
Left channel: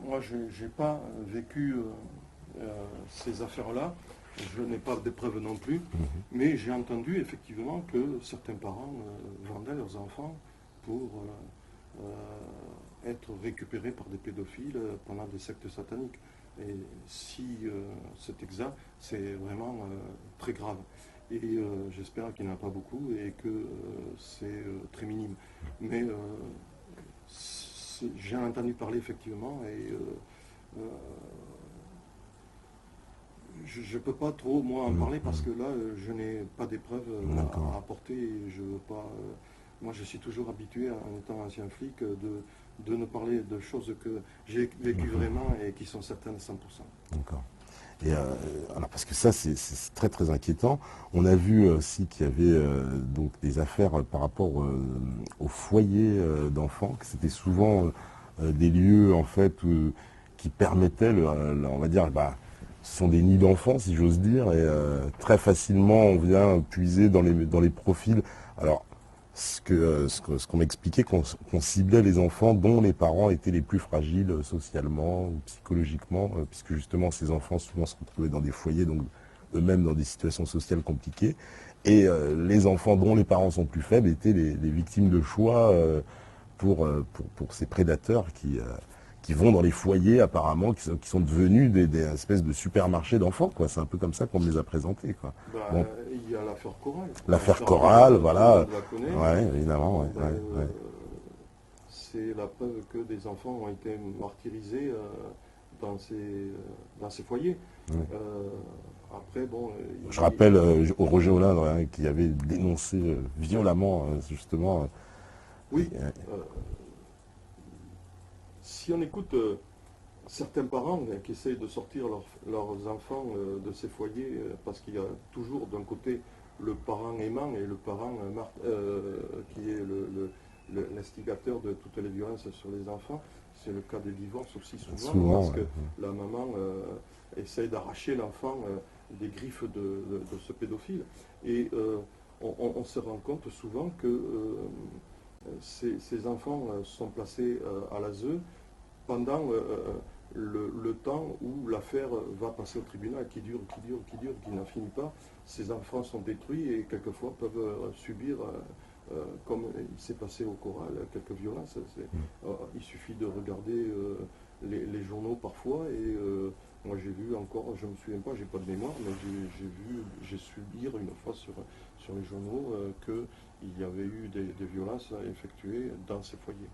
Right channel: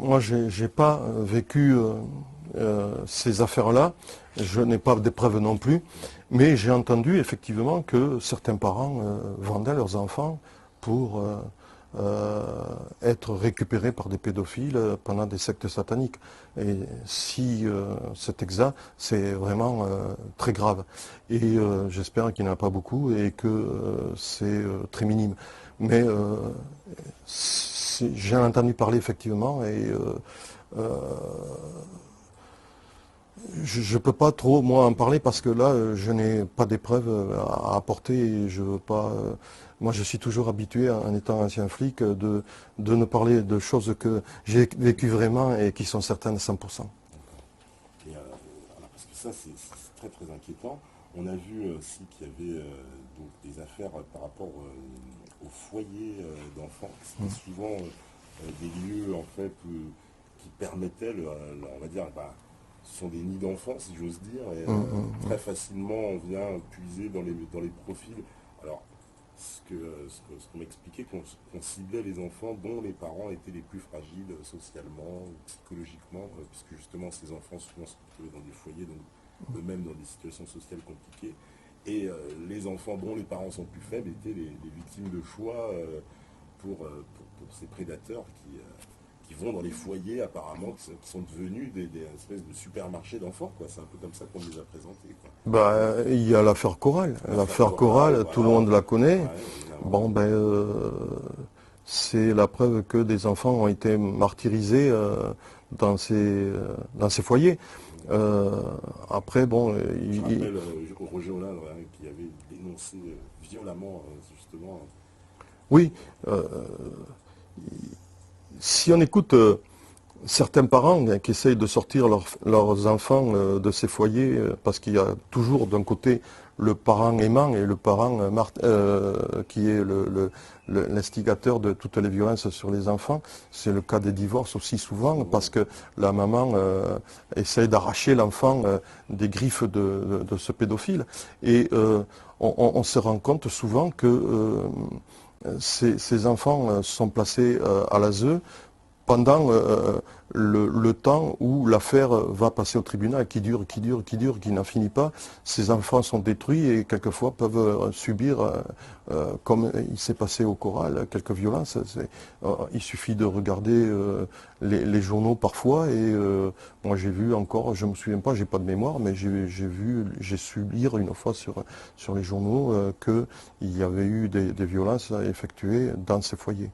moi, j'ai pas vécu ces affaires-là. Je n'ai pas de preuves non plus. Mais j'ai entendu effectivement que certains parents vendaient leurs enfants pour être récupérés par des pédophiles pendant des sectes sataniques. Et si c'est exact, c'est vraiment très grave. Et j'espère qu'il n'y en a pas beaucoup et que c'est très minime. Mais j'ai entendu parler effectivement et je ne peux pas trop moi en parler parce que là je n'ai pas d'épreuves à apporter et je veux pas. Moi je suis toujours habitué en étant ancien flic de ne parler de choses que j'ai vécues vraiment et qui sont certaines à 100%. D'accord. Et alors parce que ça c'est très très inquiétant. On a vu aussi qu'il y avait donc des affaires par rapport aux foyers d'enfants, que c'était souvent des lieux en fait qui permettaient, on va dire, ce sont des nids d'enfants si j'ose dire, et très facilement on vient puiser dans les profils. Alors ce qu'on m'expliquait, qu'on ciblait les enfants dont les parents étaient les plus fragiles socialement ou psychologiquement, puisque justement ces enfants souvent se retrouvaient dans des foyers, donc eux-mêmes dans des situations sociales compliquées. Et les enfants dont les parents sont plus faibles étaient les victimes de choix pour ces prédateurs qui vont dans les foyers apparemment, qui sont devenus des espèces de supermarchés d'enfants, quoi. C'est un peu comme ça qu'on me les a présentés, quoi. Il y a l'affaire Coral. L'affaire Coral, voilà. Tout le monde la connaît. Ouais, évidemment. Bon, c'est la preuve que des enfants ont été martyrisés dans ces foyers. Après, bon... Je rappelle Roger Hollande qui avait dénoncé violemment, justement... Oui. Si on écoute certains parents qui essayent de sortir leurs enfants de ces foyers, parce qu'il y a toujours d'un côté le parent aimant et le parent qui est l'instigateur de toutes les violences sur les enfants. C'est le cas des divorces aussi souvent, parce que la maman essaye d'arracher l'enfant des griffes de ce pédophile. Et on se rend compte souvent que ces enfants sont placés à l'ASE pendant le temps où l'affaire va passer au tribunal, qui dure, qui n'en finit pas. Ces enfants sont détruits et quelquefois peuvent subir, comme il s'est passé au Coral, quelques violences. Il suffit de regarder les journaux parfois et moi j'ai vu encore, je ne me souviens pas, j'ai pas de mémoire, mais j'ai su lire une fois sur les journaux qu'il y avait eu des violences effectuées dans ces foyers.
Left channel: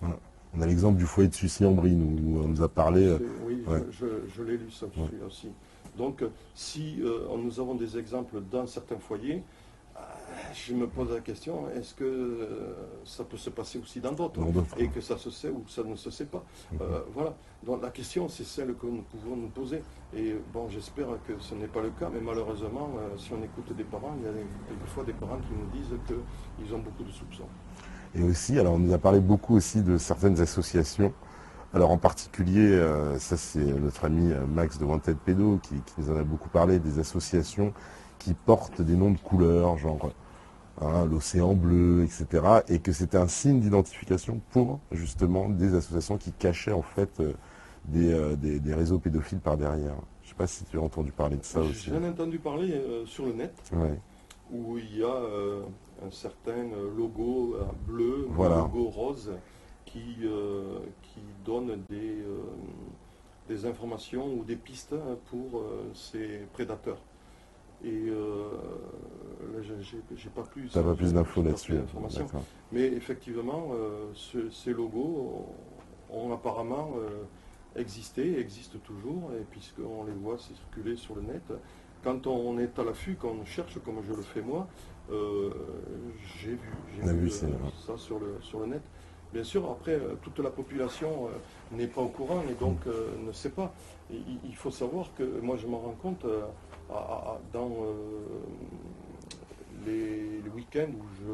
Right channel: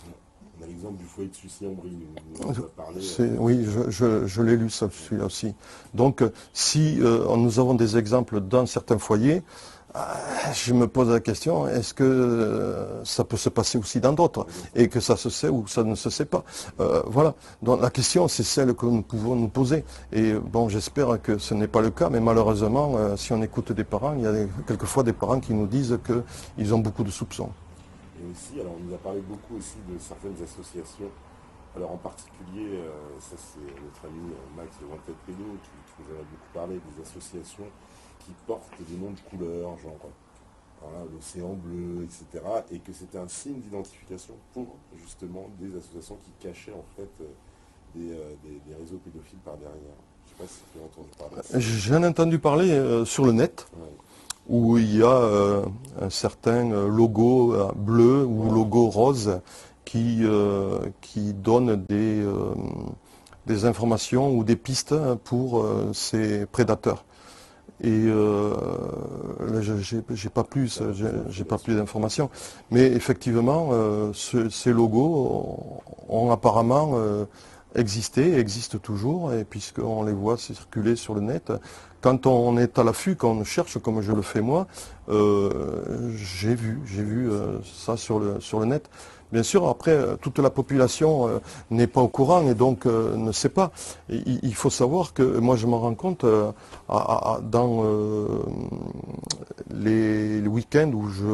Voilà. On a l'exemple du foyer de Sucy-en-Brie, où on nous a parlé. Oui, je l'ai lu, celui-là aussi. Donc, si nous avons des exemples dans certains foyers, je me pose la question, est-ce que ça peut se passer aussi dans d'autres? Et que ça se sait ou ça ne se sait pas? Voilà. Donc, la question, c'est celle que nous pouvons nous poser. Et bon, j'espère que ce n'est pas le cas, mais malheureusement, si on écoute des parents, il y a quelquefois des parents qui nous disent qu'ils ont beaucoup de soupçons. Et aussi, alors on nous a parlé beaucoup aussi de certaines associations. Alors en particulier, ça c'est notre ami Max de Wanted Pédo qui nous en a beaucoup parlé, des associations qui portent des noms de couleurs, genre hein, l'océan bleu, etc. Et que c'était un signe d'identification pour justement des associations qui cachaient en fait des réseaux pédophiles par derrière. Je ne sais pas si tu as entendu parler de ça aussi. J'en ai entendu parler sur le net, Ouais. où il y a un certain logo bleu ou Voilà. logo rose qui donne des informations ou des pistes pour ces prédateurs. Et là, j'ai pas plus, Ça va plus d'infos j'ai pas plus là-dessus. d'informations. D'accord. Mais effectivement, ces logos ont apparemment existé, existent toujours, et puisqu'on les voit circuler sur le net, quand on est à l'affût, quand on cherche, comme je le fais moi, euh, j'ai Oui, vu ça sur le net. Bien sûr, après, toute la population n'est pas au courant et donc ne sait pas. Il faut savoir que moi, je m'en rends compte dans les week-ends où je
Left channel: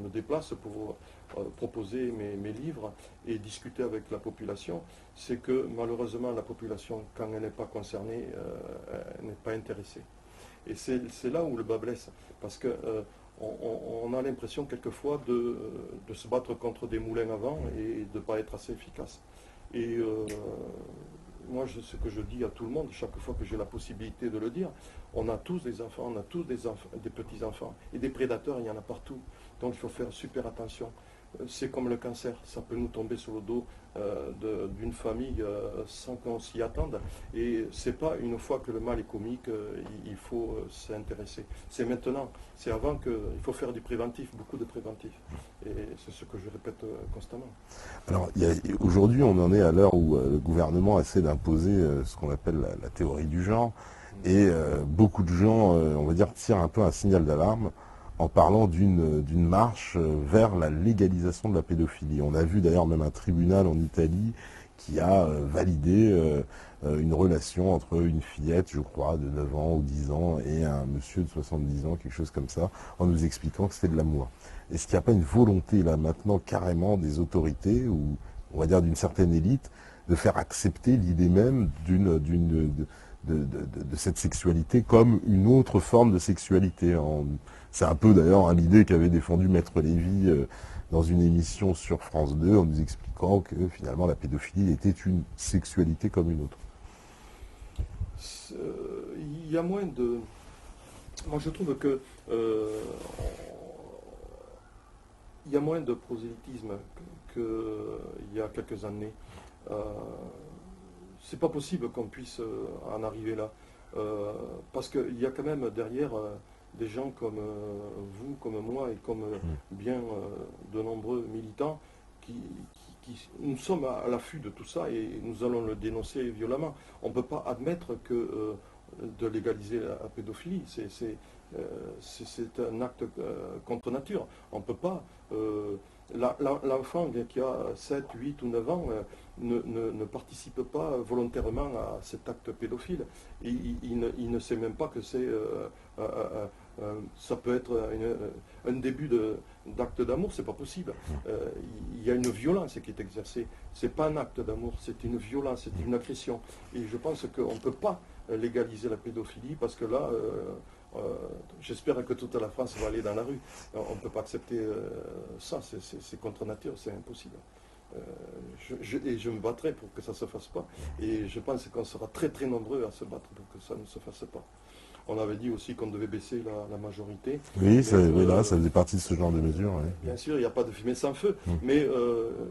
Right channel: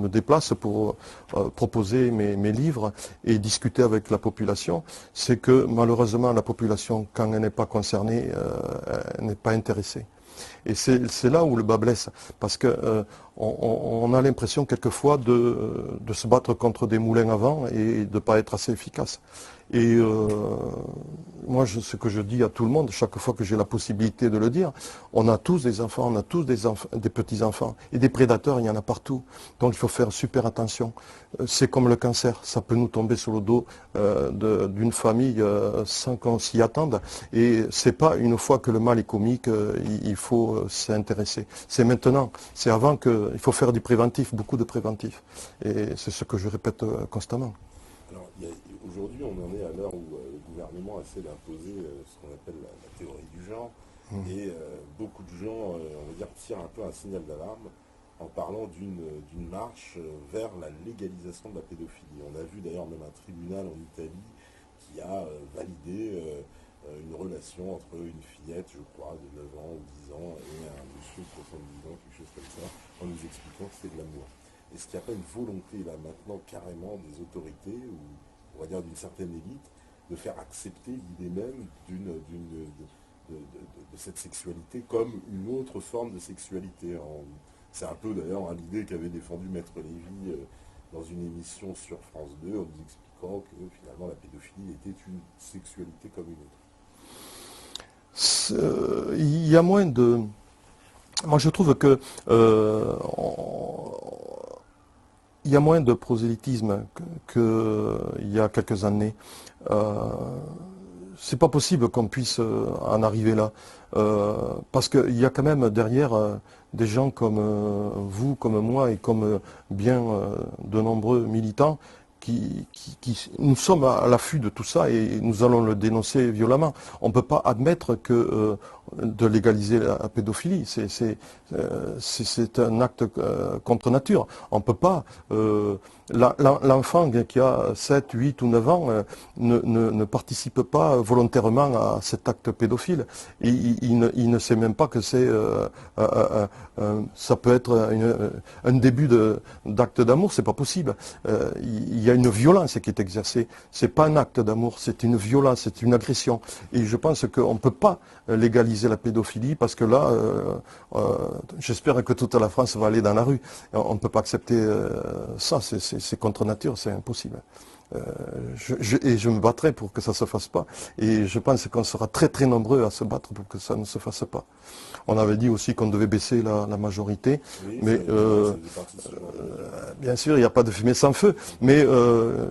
me déplace pour proposer mes livres et discuter avec la population, c'est que malheureusement, la population, quand elle n'est pas concernée, elle n'est pas intéressée. Et c'est là où le bas blesse, parce que on a l'impression quelquefois de se battre contre des moulins à vent et de ne pas être assez efficace. Et moi, ce que je dis à tout le monde, chaque fois que j'ai la possibilité de le dire, on a tous des enfants, on a tous des petits-enfants. Et des prédateurs, il y en a partout. Donc il faut faire super attention. C'est comme le cancer, ça peut nous tomber sur le dos d'une famille sans qu'on s'y attende. Et c'est pas une fois que le mal est commis qu'il faut s'y intéresser. C'est maintenant, c'est avant qu'il faut faire du préventif, beaucoup de préventif. Et c'est ce que je répète constamment. Alors, aujourd'hui, on en est à l'heure où le gouvernement essaie d'imposer ce qu'on appelle la théorie du genre. Et beaucoup de gens, on va dire, tirent un peu un signal d'alarme en parlant d'une marche vers la légalisation de la pédophilie. On a vu d'ailleurs même un tribunal en Italie qui a validé une relation entre une fillette, je crois, de 9 ans ou 10 ans et un monsieur de 70 ans, quelque chose comme ça, en nous expliquant que c'était de l'amour. Est-ce qu'il n'y a pas une volonté là maintenant carrément des autorités ou on va dire d'une certaine élite de faire accepter l'idée même de cette sexualité comme une autre forme de sexualité? C'est un peu d'ailleurs l'idée qu'avait défendue Maître Lévy dans une émission sur France 2 en nous expliquant que finalement la pédophilie était une sexualité comme une autre. Il y a moins de... Moi, je trouve que il y a moins de prosélytisme qu'il y a quelques années. C'est pas possible qu'on puisse en arriver là. Parce qu'il y a quand même derrière des gens comme vous, comme moi et comme bien de nombreux militants nous sommes à l'affût de tout ça et nous allons le dénoncer violemment. On ne peut pas admettre que de légaliser la pédophilie. C'est un acte contre nature. On ne peut pas. L'enfant qui a 7, 8 ou 9 ans ne participe pas volontairement à cet acte pédophile. Et il ne sait même pas que ça peut être un début d'acte d'amour, c'est pas possible. Il y a une violence qui est exercée. C'est pas un acte d'amour, c'est une violence, c'est une agression. Et je pense qu'on ne peut pas légaliser la pédophilie parce que là, j'espère que toute la France va aller dans la rue. On ne peut pas accepter ça, c'est contre nature, c'est impossible. Et je me battrai pour que ça ne se fasse pas. Et je pense qu'on sera très très nombreux à se battre pour que ça ne se fasse pas. On avait dit aussi qu'on devait baisser la majorité. Oui, mais, ça faisait partie de ce genre de mesures. Bien sûr, il n'y a pas de fumée sans feu, mais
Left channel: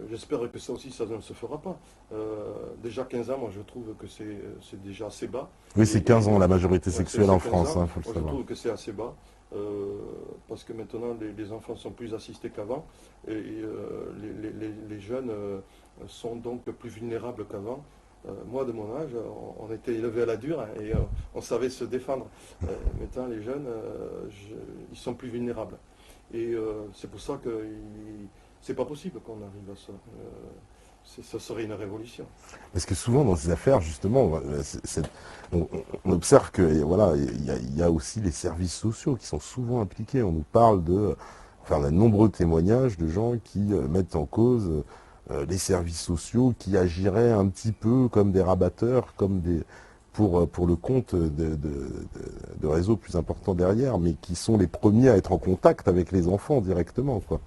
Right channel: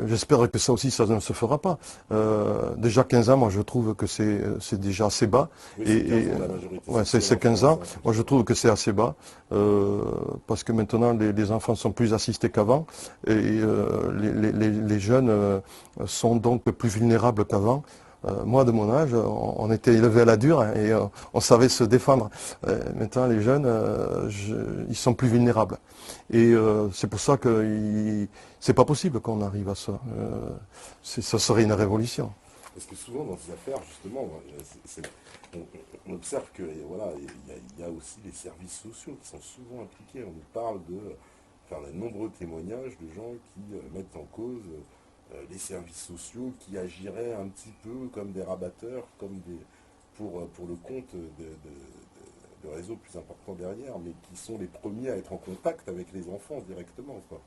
j'espère que ça aussi, ça ne se fera pas. Déjà 15 ans, moi je trouve que c'est déjà assez bas. Oui, c'est 15 ans la majorité sexuelle c'est en 15 France. ans. Faut le Moi je savoir. trouve que c'est assez bas, parce que maintenant les enfants sont plus assistés qu'avant, et les jeunes sont donc plus vulnérables qu'avant. Moi, de mon âge, on était élevé à la dure hein, et on savait se défendre. Maintenant, les jeunes, ils sont plus vulnérables. Et c'est pour ça que c'est pas possible qu'on arrive à ça. Ça serait une révolution. Parce que souvent dans ces affaires, justement, on observe que voilà, il y a aussi les services sociaux qui sont souvent impliqués. On nous parle enfin, on a de nombreux témoignages de gens qui mettent en cause les services sociaux, qui agiraient un petit peu comme des rabatteurs, comme pour le compte de réseaux plus importants derrière, mais qui sont les premiers à être en contact avec les enfants directement, quoi.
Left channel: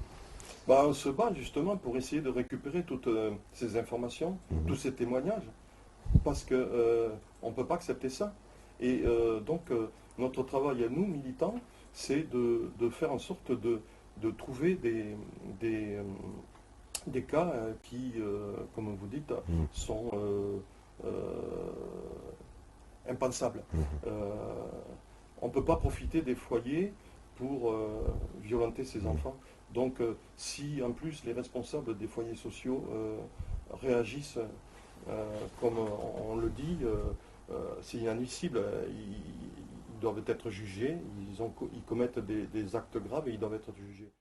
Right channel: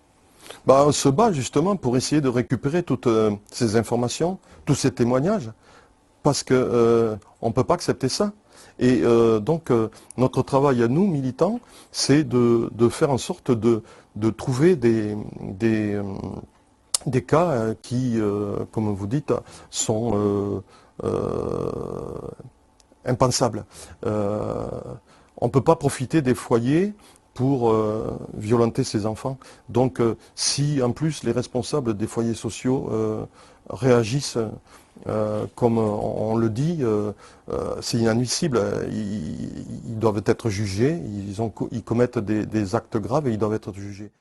Bah, on se bat justement pour essayer de récupérer toutes ces informations, tous ces témoignages, parce que on ne peut pas accepter ça. Et donc notre travail à nous, militants, c'est de faire en sorte de trouver des cas qui, comme vous dites, sont impensables. On ne peut pas profiter des foyers pour violenter ses enfants. Donc si en plus les responsables des foyers sociaux réagissent comme on le dit, c'est inadmissible. Ils doivent être jugés, ils commettent des actes graves et ils doivent être jugés.